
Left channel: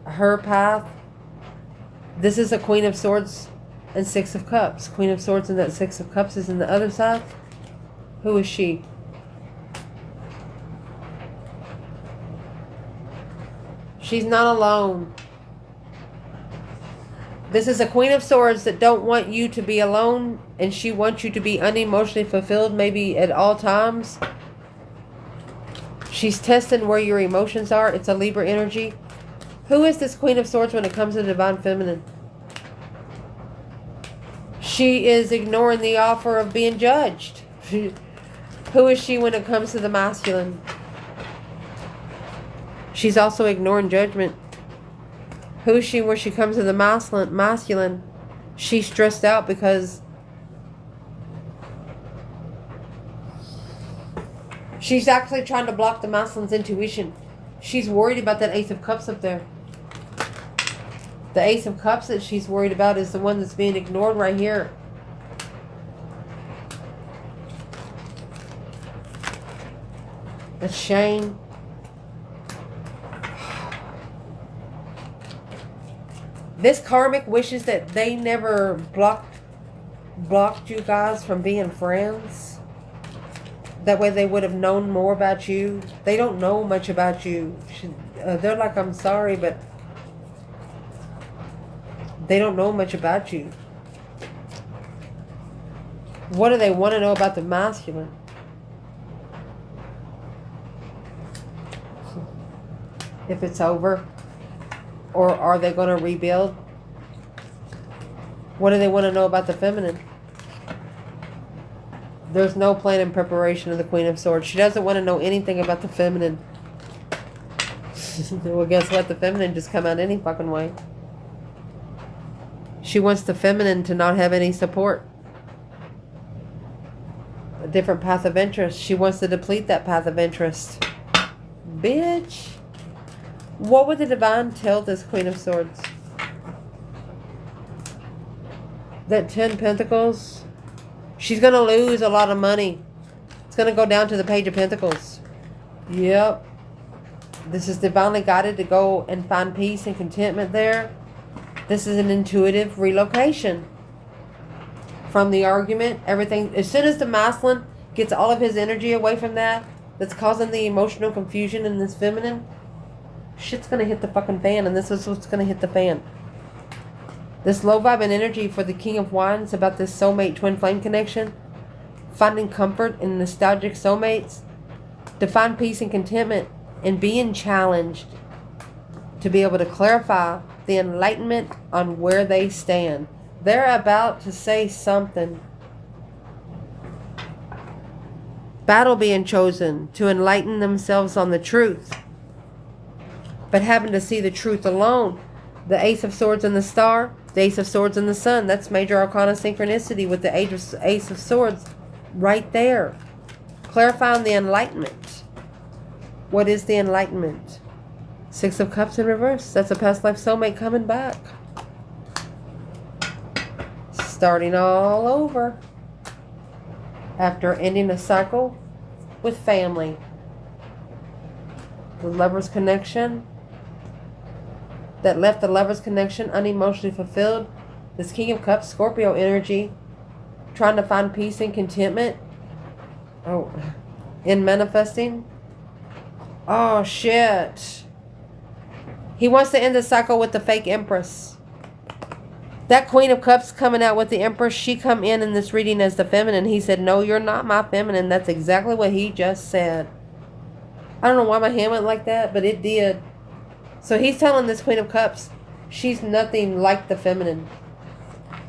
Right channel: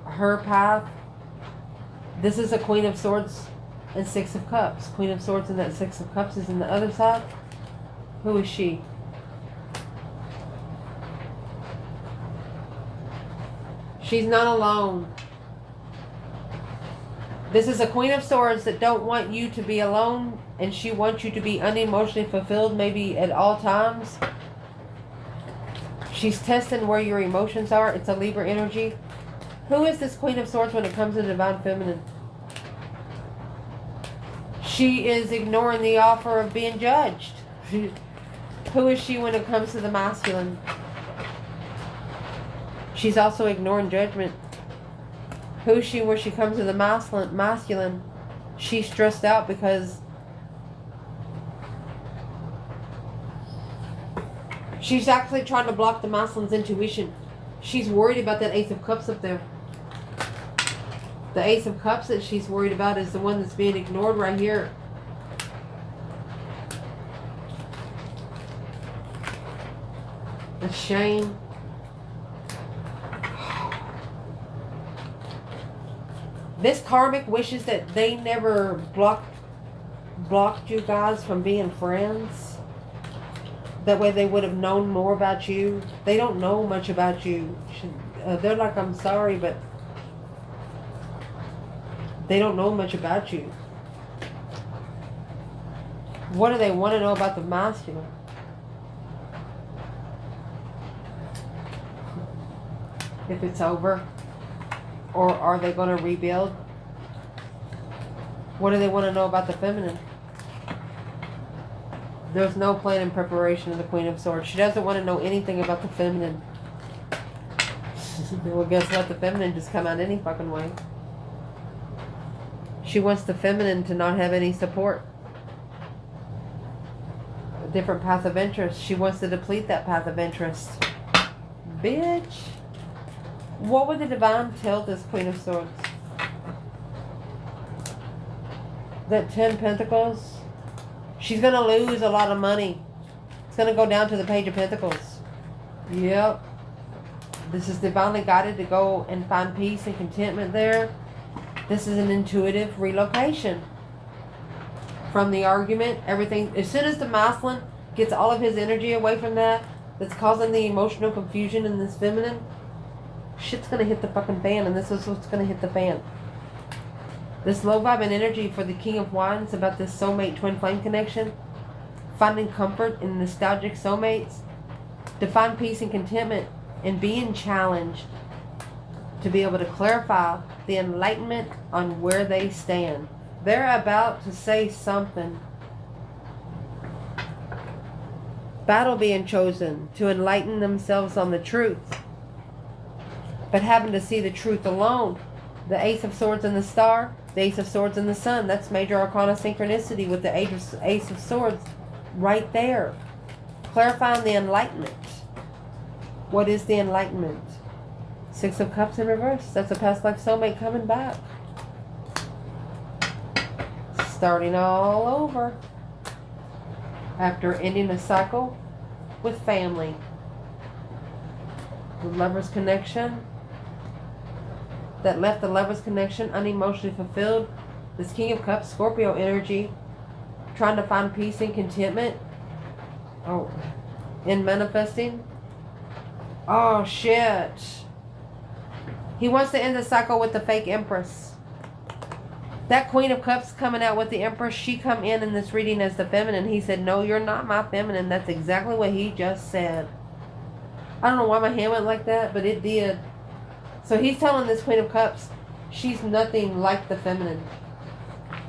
her path. This is a Queen of Swords and 6 of Cups. Queen of Swords and that 6 of Cups is in the other side. Who is she? She's not alone. This is a Queen of Swords that don't want you to be alone, and she wants you to be unemotionally fulfilled maybe at all times. She's testing where your emotions are. It's a Libra energy. Who is this Queen of Swords when it comes to the divine feminine? She is ignoring the offer of being judged. Who is she when it comes to the masculine? She's also ignoring judgment. Who is she when she comes to the masculine? She's stressed out because She's actually trying to block the masculine's intuition. She's worried about that Ace of Cups up there. The Ace of Cups that she's worried about is the one that's being ignored right here. A shame. This karmic wishes that they never blocked you guys from being friends. That way they would have known more about you. They don't know much about you. They're like, I'm sorry, but they don't know much about you. What do they want to know about the masculine? If it's over? Or are they going to rebuild? What do they want to know about the feminine? There's no plan and preparation of the Queen of Swords. She doesn't want to know anything about the feminine. Well, guess what? The feminine just come out any fucking way. She wants the feminine to not have any support. A different path of interest. She wants to deplete that path of interest. Bitch. What would the divine tell this Queen of Swords? That 10 Pentacles. She's going to lose a lot of money. It's going to go down to the Page of Pentacles. Yep. This is divinely guided to go and find peace and contentment there. This is an intuitive relocation. From the argument, everything. As soon as the masculine gets all of his energy away from that's causing the emotional confusion in this feminine, shit's going to hit the fucking fan, and this is what's going to hit the fan. This low vibe and energy for the King of Wands about this soulmate twin flame connection. Finding comfort in nostalgic soulmates. To find peace and contentment and being challenged. To be able to clarify the enlightenment on where they stand. They're about to say something. Battle being chosen to enlighten themselves on the truth. But having to see the truth alone. The Ace of Swords and the Star. The Ace of Swords and the Sun. That's major arcana synchronicity with the Ace of Swords right there. Clarifying the enlightenment. What is the enlightenment? Six of Cups in reverse. That's a past life soulmate coming back. Starting all over. After ending a cycle with family. The Lover's connection. That left the Lover's connection unemotionally fulfilled. This King of Cups, Scorpio energy, trying to find peace and contentment. Oh, in manifesting. Oh, shit. He wants to end the cycle with the fake Empress. That Queen of Cups coming out with the Empress, she come in this reading as the feminine. He said, no, you're not my feminine. That's exactly what he just said. I don't know why my hand went like that, but it did. So he's telling this Queen of Cups, she's nothing like the feminine.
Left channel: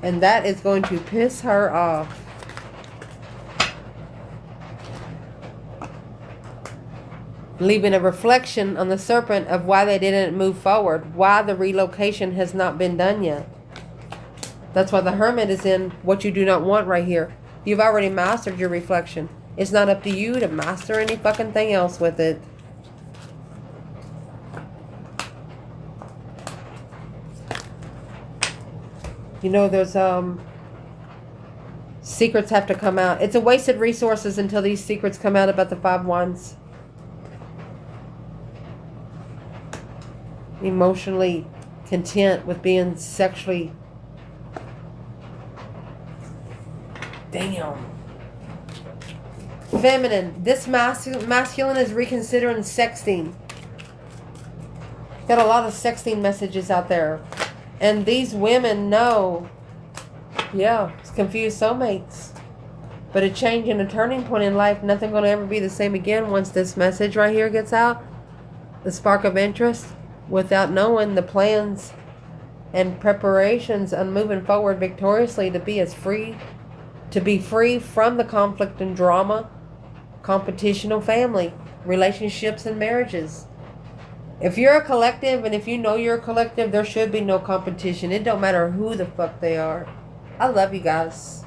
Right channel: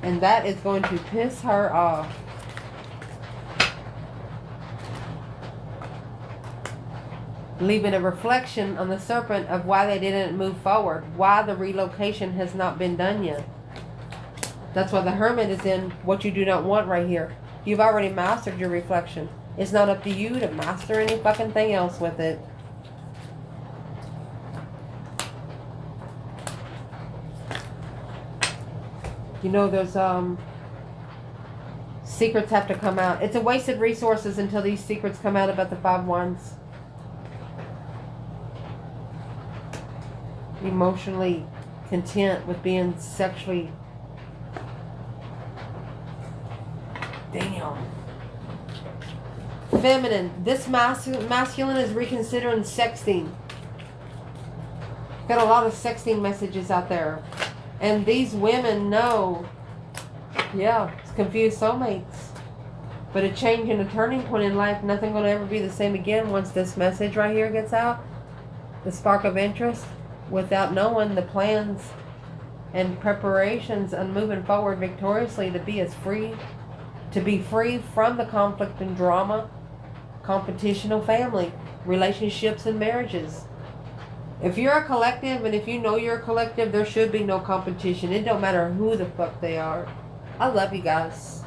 And that is going to piss her off. Leaving a reflection on the serpent of why they didn't move forward. Why the relocation has not been done yet. That's why the Hermit is in what you do not want right here. You've already mastered your reflection. It's not up to you to master any fucking thing else with it. You know, there's secrets have to come out. It's a wasted resources until these secrets come out about the 5 Wands. Emotionally content with being sexually. Damn. Feminine. This masculine is reconsidering sexting. Got a lot of sexting messages out there. And these women know, yeah, it's confused soulmates. But a change and a turning point in life, nothing going to ever be the same again once this message right here gets out. The spark of interest, without knowing the plans and preparations of moving forward victoriously to be free from the conflict and drama, competitional family, relationships and marriages. If you're a collective, and if you know you're a collective, there should be no competition. It don't matter who the fuck they are. I love you guys.